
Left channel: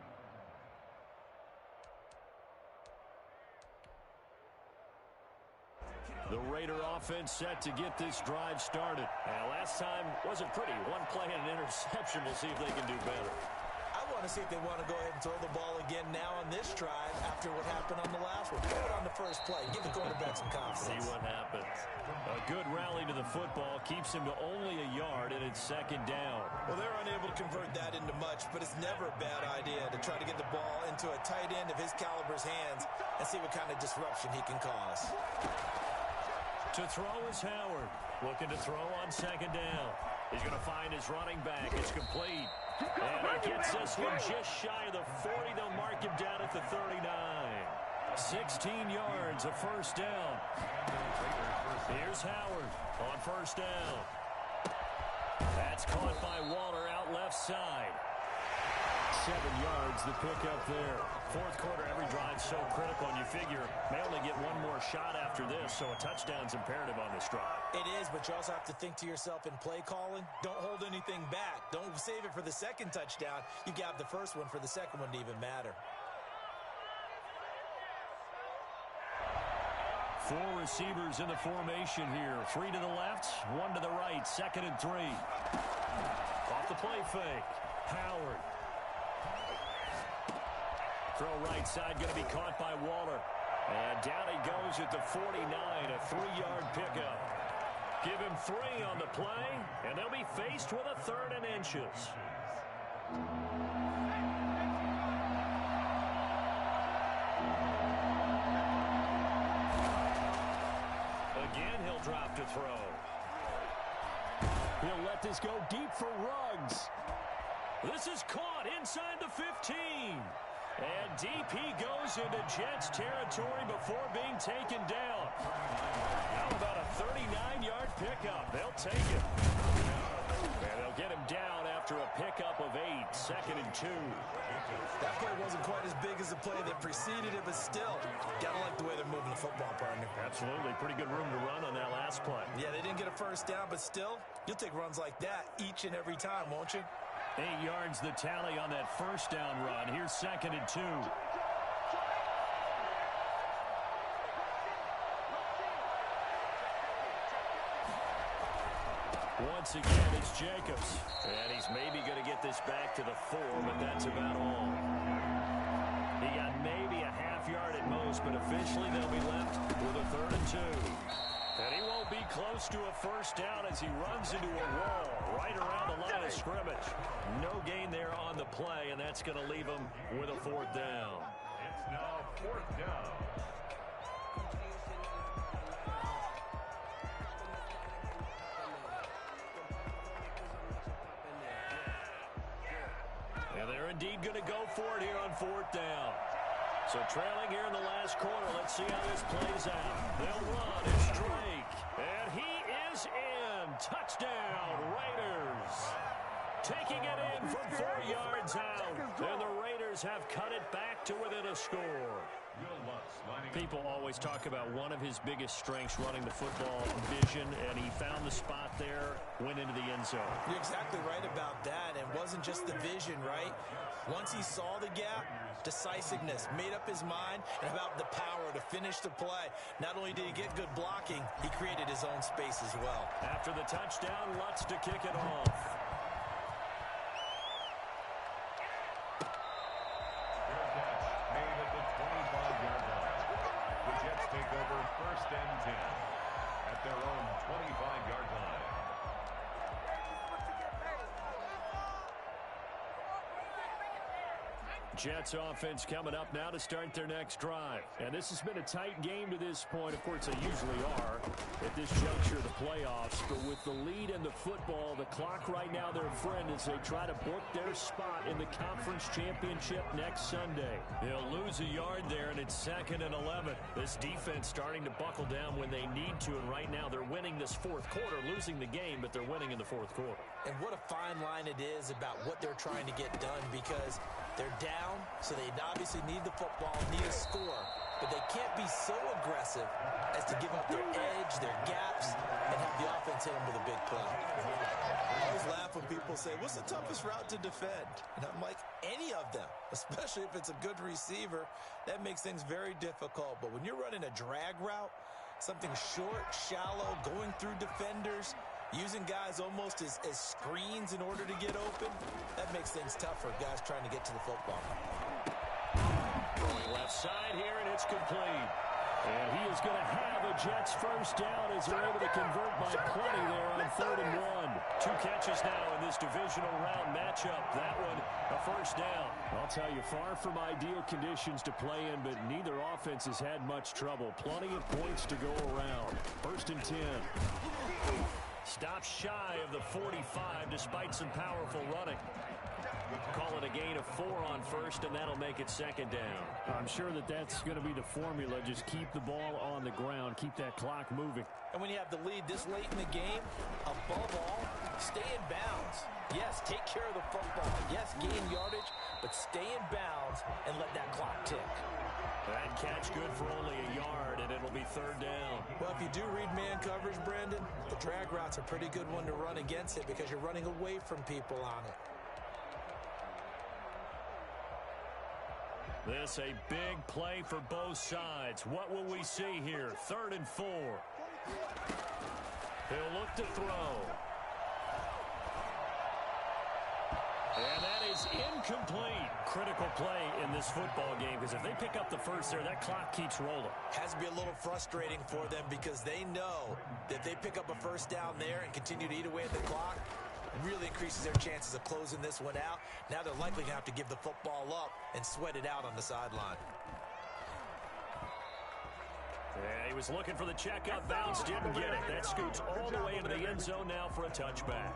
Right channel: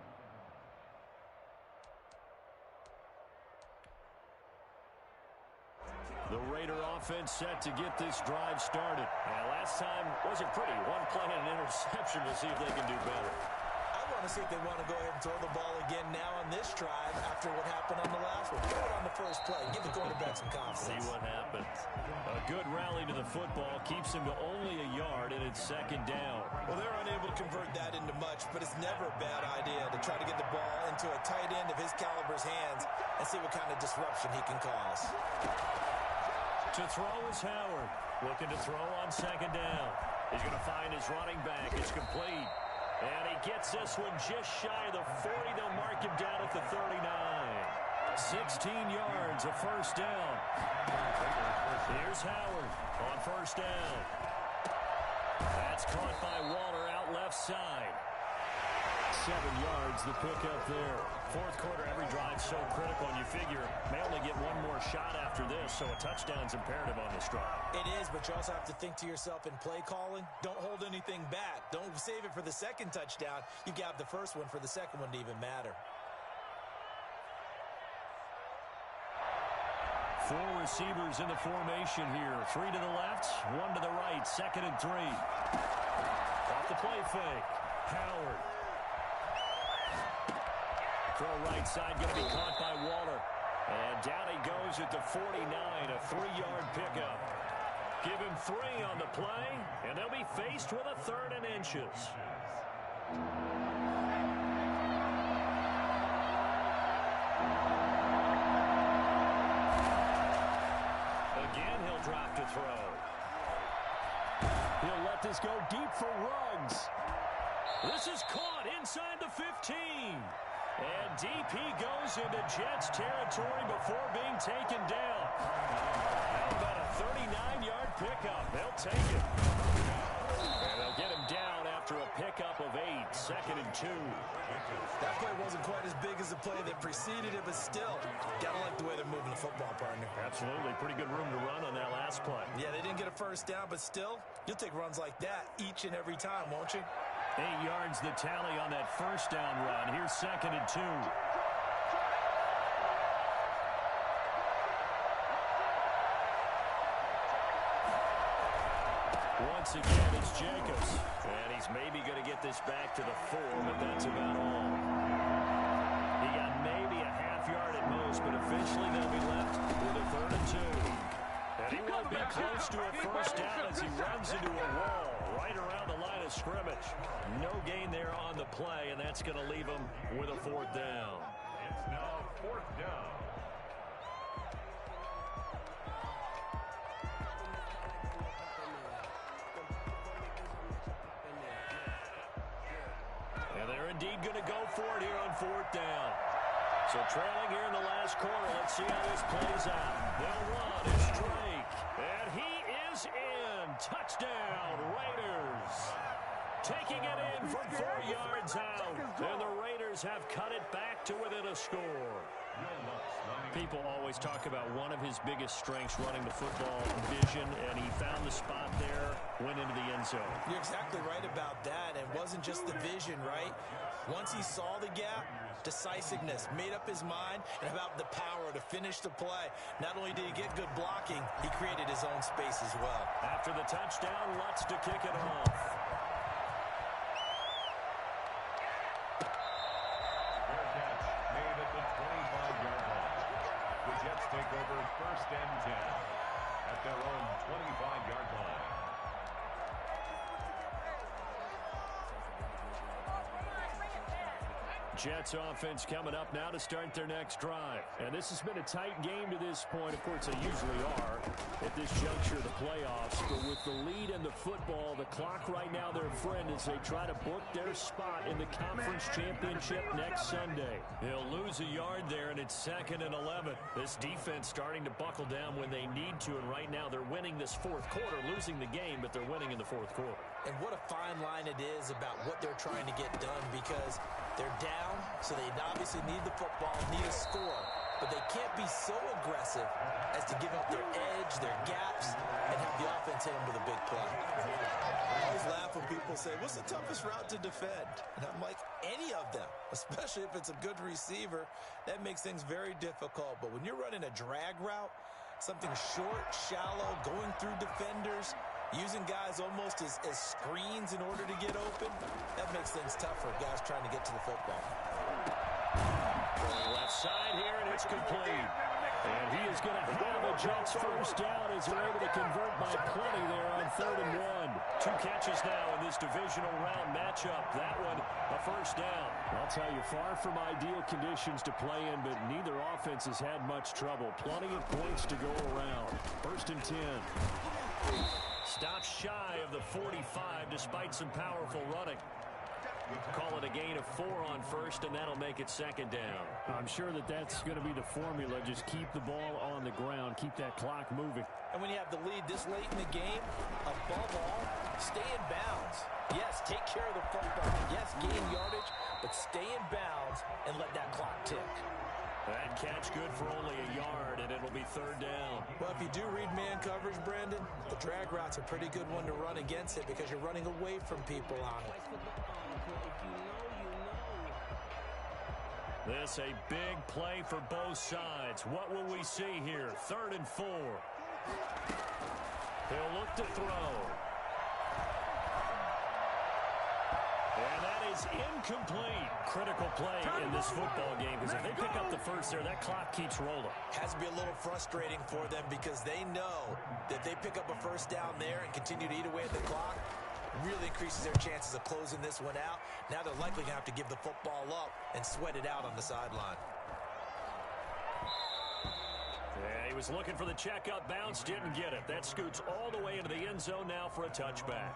The Raider offense set to get this drive started. And last time wasn't pretty. One play and an interception. We'll see if they can do better. I want to see if they want to go ahead and throw the ball again now on this drive after what happened on the last one. Throw it on the first play. Give the quarterback some confidence. See what happens. A good rally to the football keeps him to only a yard, and it's second down. Well, they're unable to convert that into much, but it's never a bad idea to try to get the ball into a tight end of his caliber's hands and see what kind of disruption he can cause. To throw is Howard. Looking to throw on second down. He's going to find his running back. It's complete. And he gets this one just shy of the 40. They'll mark him down at the 39. 16 yards, a first down. Here's Howard on first down. That's caught by Waller out left side. 7 yards, the pickup there. Fourth quarter, every drive so critical, and you figure may only get one more shot after this, so a touchdown's imperative on this drive. It is, but you also have to think to yourself in play calling, don't hold anything back. Don't save it for the second touchdown. You got the first one for the second one to even matter. 4 receivers in the formation here. 3 to the left, 1 to the right, 2nd and 3. Off the play fake. Howard. Throw right side, going to be caught by Waller. And down he goes at the 49, a 3-yard pickup. Give him 3 on the play, and they'll be faced with a 3rd and inches. Again, he'll drop to throw. He'll let this go deep for Ruggs. This is caught inside the 15. And deep he goes into Jets territory before being taken down. How about a 39-yard pickup? They'll take it. And they'll get him down after a pickup of 8, 2nd and 2. That play wasn't quite as big as the play that preceded it, but still, gotta like the way they're moving the football, partner. Absolutely. Pretty good room to run on that last play. Yeah, they didn't get a first down, but still, you'll take runs like that each and every time, won't you? 8 yards the tally on that first down run. Here's 2nd and 2. Once again, it's Jacobs. And he's maybe going to get this back to the 4, but that's about all. He got maybe a half yard at most, but officially they'll be left with a 3rd and 2. And he won't be close to a first down as he runs into a wall right around the line of scrimmage. No gain there on the play, and that's going to leave him with a fourth down. It's now fourth down. And they're indeed going to go for it here on fourth down. So trailing here in the last quarter. Let's see how this plays out. They'll run. It's Drake. And he is in. Touchdown, Raiders. Taking it in from 4 yards out. And the Raiders have cut it back to within a score. People always talk about one of his biggest strengths running the football, vision, and he found the spot there, went into the end zone. You're exactly right about that. It wasn't just the vision, right? Once he saw the gap, decisiveness, made up his mind, and about the power to finish the play. Not only did he get good blocking, he created his own space as well. After the touchdown, Lutz to kick it off. Made at the 25-yard line. The Jets take over first and 10 at their own 25-yard line. Jets offense coming up now to start their next drive. And this has been a tight game to this point. Of course, they usually are at this juncture of the playoffs. But with the lead in the football, the clock right now their friend as they try to book their spot in the conference championship next Sunday. They'll lose a yard there, and it's 2nd and 11. This defense starting to buckle down when they need to. And right now they're winning this fourth quarter, losing the game, but they're winning in the fourth quarter. And what a fine line it is about what they're trying to get done, because they're down, so they obviously need the football, need a score, but they can't be so aggressive as to give up their edge, their gaps, and have the offense hit them with a big play. I always laugh when people say, what's the toughest route to defend? And I'm like, any of them, especially if it's a good receiver. That makes things very difficult. But when you're running a drag route, something short, shallow, going through defenders, using guys almost as screens in order to get open, that makes things tough for guys trying to get to the football. Going left side here, and it's complete. And he is going to have a Jets first down as they're able to convert by plenty there on 3rd and 1. 2 catches now in this divisional round matchup. That one, a first down. I'll tell you, far from ideal conditions to play in, but neither offense has had much trouble. Plenty of points to go around. 1st and 10. Stops shy of the 45 despite some powerful running. Call it a gain of 4 on first, and that'll make it 2nd down. I'm sure that's going to be the formula. Just keep the ball on the ground. Keep that clock moving. And when you have the lead this late in the game, above all, stay in bounds. Yes, take care of the football. Yes, gain yardage, but stay in bounds and let that clock tick. That catch good for only a yard, and it'll be 3rd down. Well, if you do read man coverage, Brandon, the drag route's a pretty good one to run against it because you're running away from people on it. This a big play for both sides. What will we see here? 3rd and 4. He'll look to throw. And that is incomplete. Critical play in this football game, because if they pick up the first there, that clock keeps rolling. Has to be a little frustrating for them because they know that if they pick up a first down there and continue to eat away at the clock, really increases their chances of closing this one out. Now they're likely going to have to give the football up and sweat it out on the sideline. Yeah, he was looking for the checkup bounce, didn't get it. That scoots all the way into the end zone now for a touchback.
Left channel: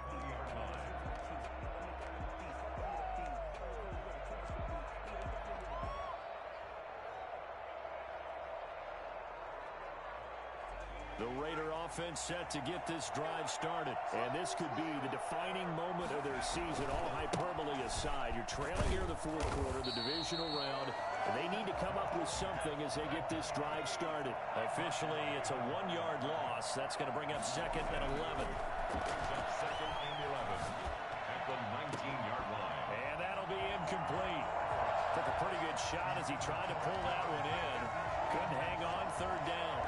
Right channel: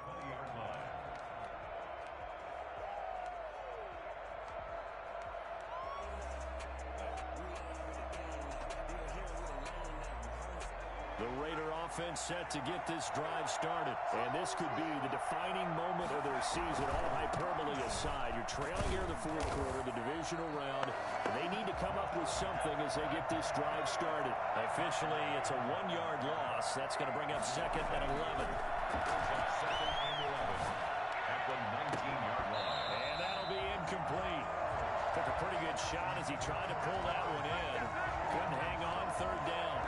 The Raider offense set to get this drive started. And this could be the defining moment of their season, all hyperbole aside. You're trailing here in the fourth quarter, the divisional round. They need to come up with something as they get this drive started. Officially, it's a 1-yard loss. That's going to bring up 2nd and 11. 2nd and 11 at the 19-yard line. And that'll be incomplete. Took a pretty good shot as he tried to pull that one in. Couldn't hang on, 3rd down.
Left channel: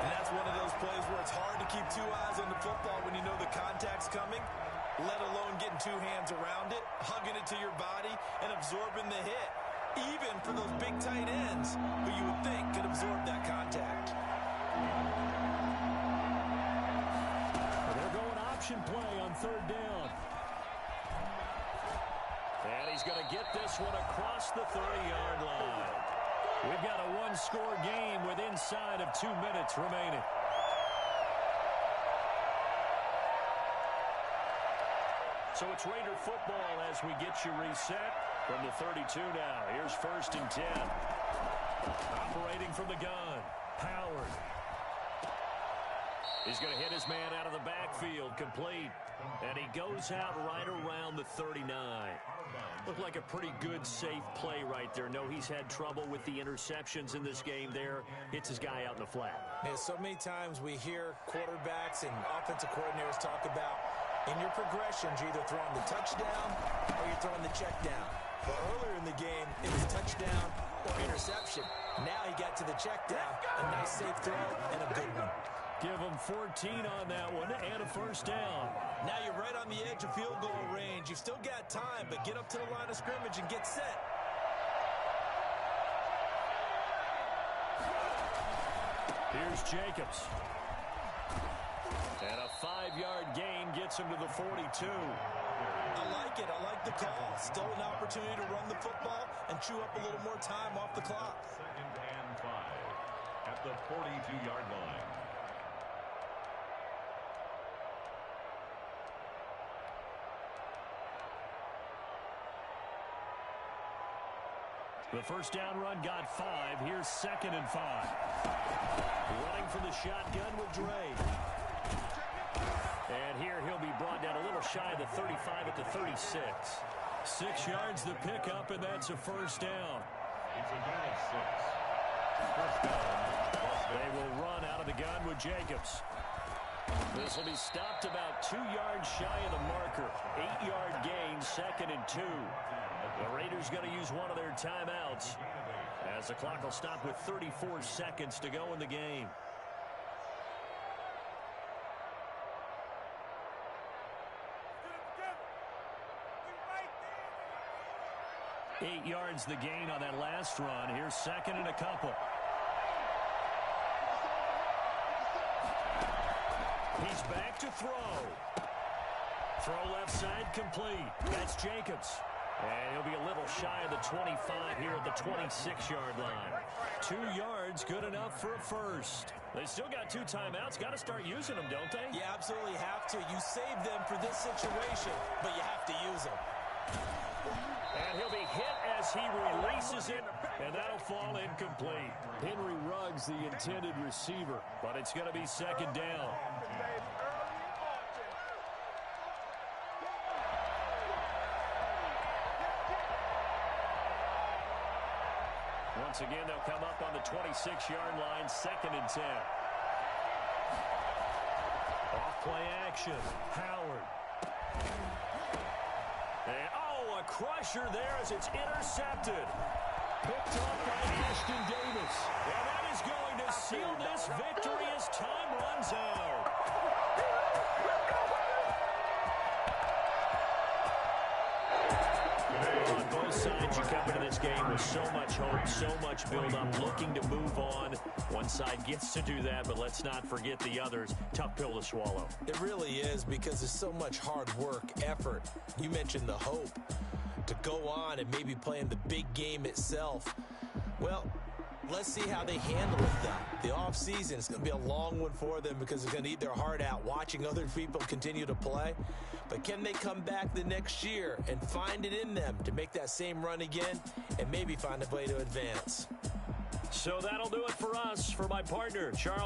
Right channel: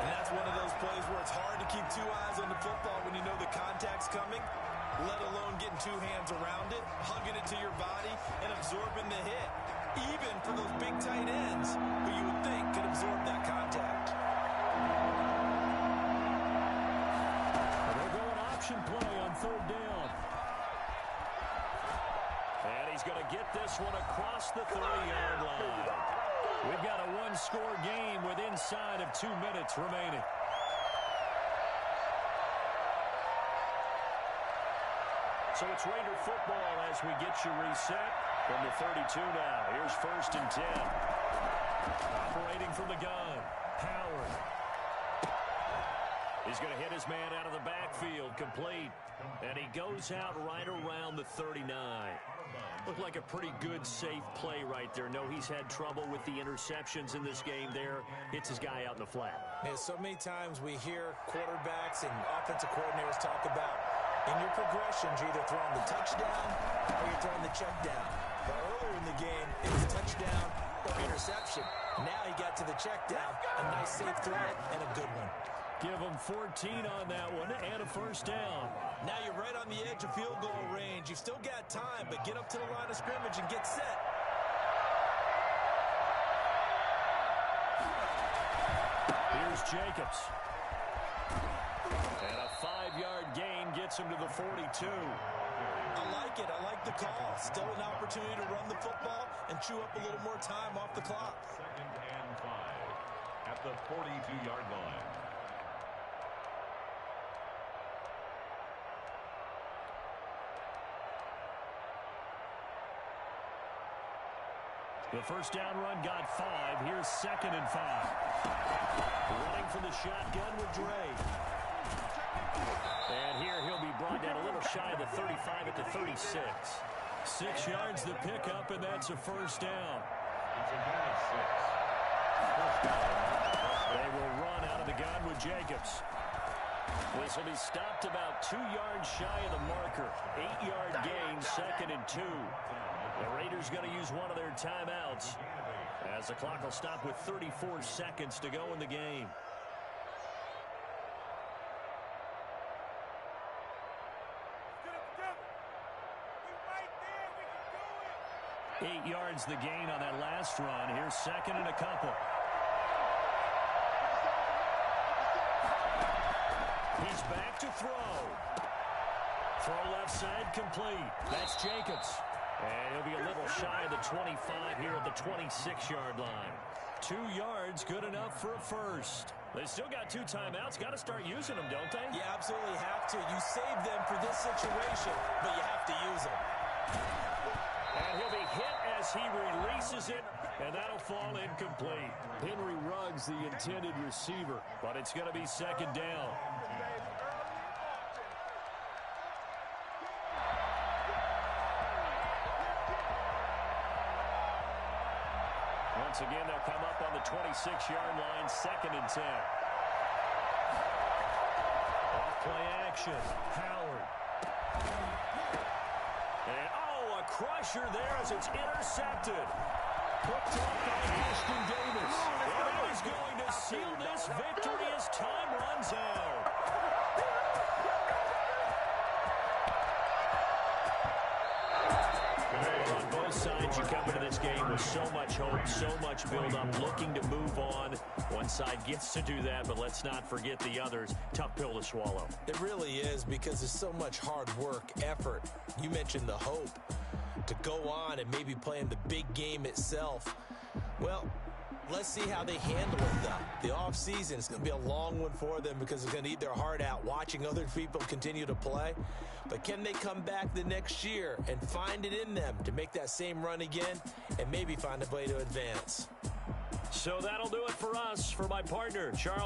And that's one of those plays where it's hard to keep 2 eyes on the football when you know the contact's coming, let alone getting 2 hands around it, hugging it to your body, and absorbing the hit. Even for those big tight ends who you would think could absorb that contact. he's going to get this one across the 30-yard line. We've got a one-score game with inside of 2 minutes remaining. So it's Raider football as we get you reset from the 32 now. Here's 1st and 10. Operating from the gun, Howard. He's going to hit his man out of the backfield, complete. And he goes out right around the 39. Looked like a pretty good, safe play right there. No, he's had trouble with the interceptions in this game there. Hits his guy out in the flat. Yeah, so many times we hear quarterbacks and offensive coordinators talk about in your progressions, you're either throwing the touchdown or you're throwing the check down. But earlier in the game, it was touchdown or interception. Now he got to the check down, a nice safe throw, and a good one. Give him 14 on that one and a 1st down. Now you're right on the edge of field goal range. You've still got time, but get up to the line of scrimmage and get set. Here's Jacobs. And a 5-yard gain gets him to the 42. I like it. I like the call. Still an opportunity to run the football and chew up a little more time off the clock. 2nd and 5 at the 42-yard line. The 1st down run got 5. Here's 2nd and 5. Running from the shotgun with Dre. And here he'll be brought down a little shy of the 35 at the 36. 6 yards the pickup, and that's a 1st down. It's a gain of 6. 1st down. They will run out of the gun with Jacobs. This will be stopped about 2 yards shy of the marker. 8-yard gain, 2nd and 2. The Raiders going to use one of their timeouts as the clock will stop with 34 seconds to go in the game. We right there. We can do it. 8 yards the gain on that last run. Here's 2nd and a couple. He's back to throw. Throw left side complete. That's Jacobs. And he'll be a little shy of the 25 here at the 26-yard line. 2 yards, good enough for a 1st. They still got 2 timeouts. Got to start using them, don't they? You absolutely have to. You save them for this situation, but you have to use them. And he'll be hit as he releases it, and that'll fall incomplete. Henry Ruggs, the intended receiver, but it's going to be 2nd down. Once again, they'll come up on the 26-yard line, 2nd and 10. Off-play action, Howard. And, a crusher there as it's intercepted. Picked off by Ashton Davis. And that is going to seal this victory as time runs out. On both sides, you come into this game with so much hope, so much build-up, looking to move on. One side gets to do that, but let's not forget the others. Tough pill to swallow. It really is, because there's so much hard work, effort. You mentioned the hope to go on and maybe play in the big game itself. Well, let's see how they handle it, though. The offseason is going to be a long one for them because they're going to eat their heart out watching other people continue to play. But can they come back the next year and find it in them to make that same run again and maybe find a way to advance? So that'll do it for us. For my partner, Charles.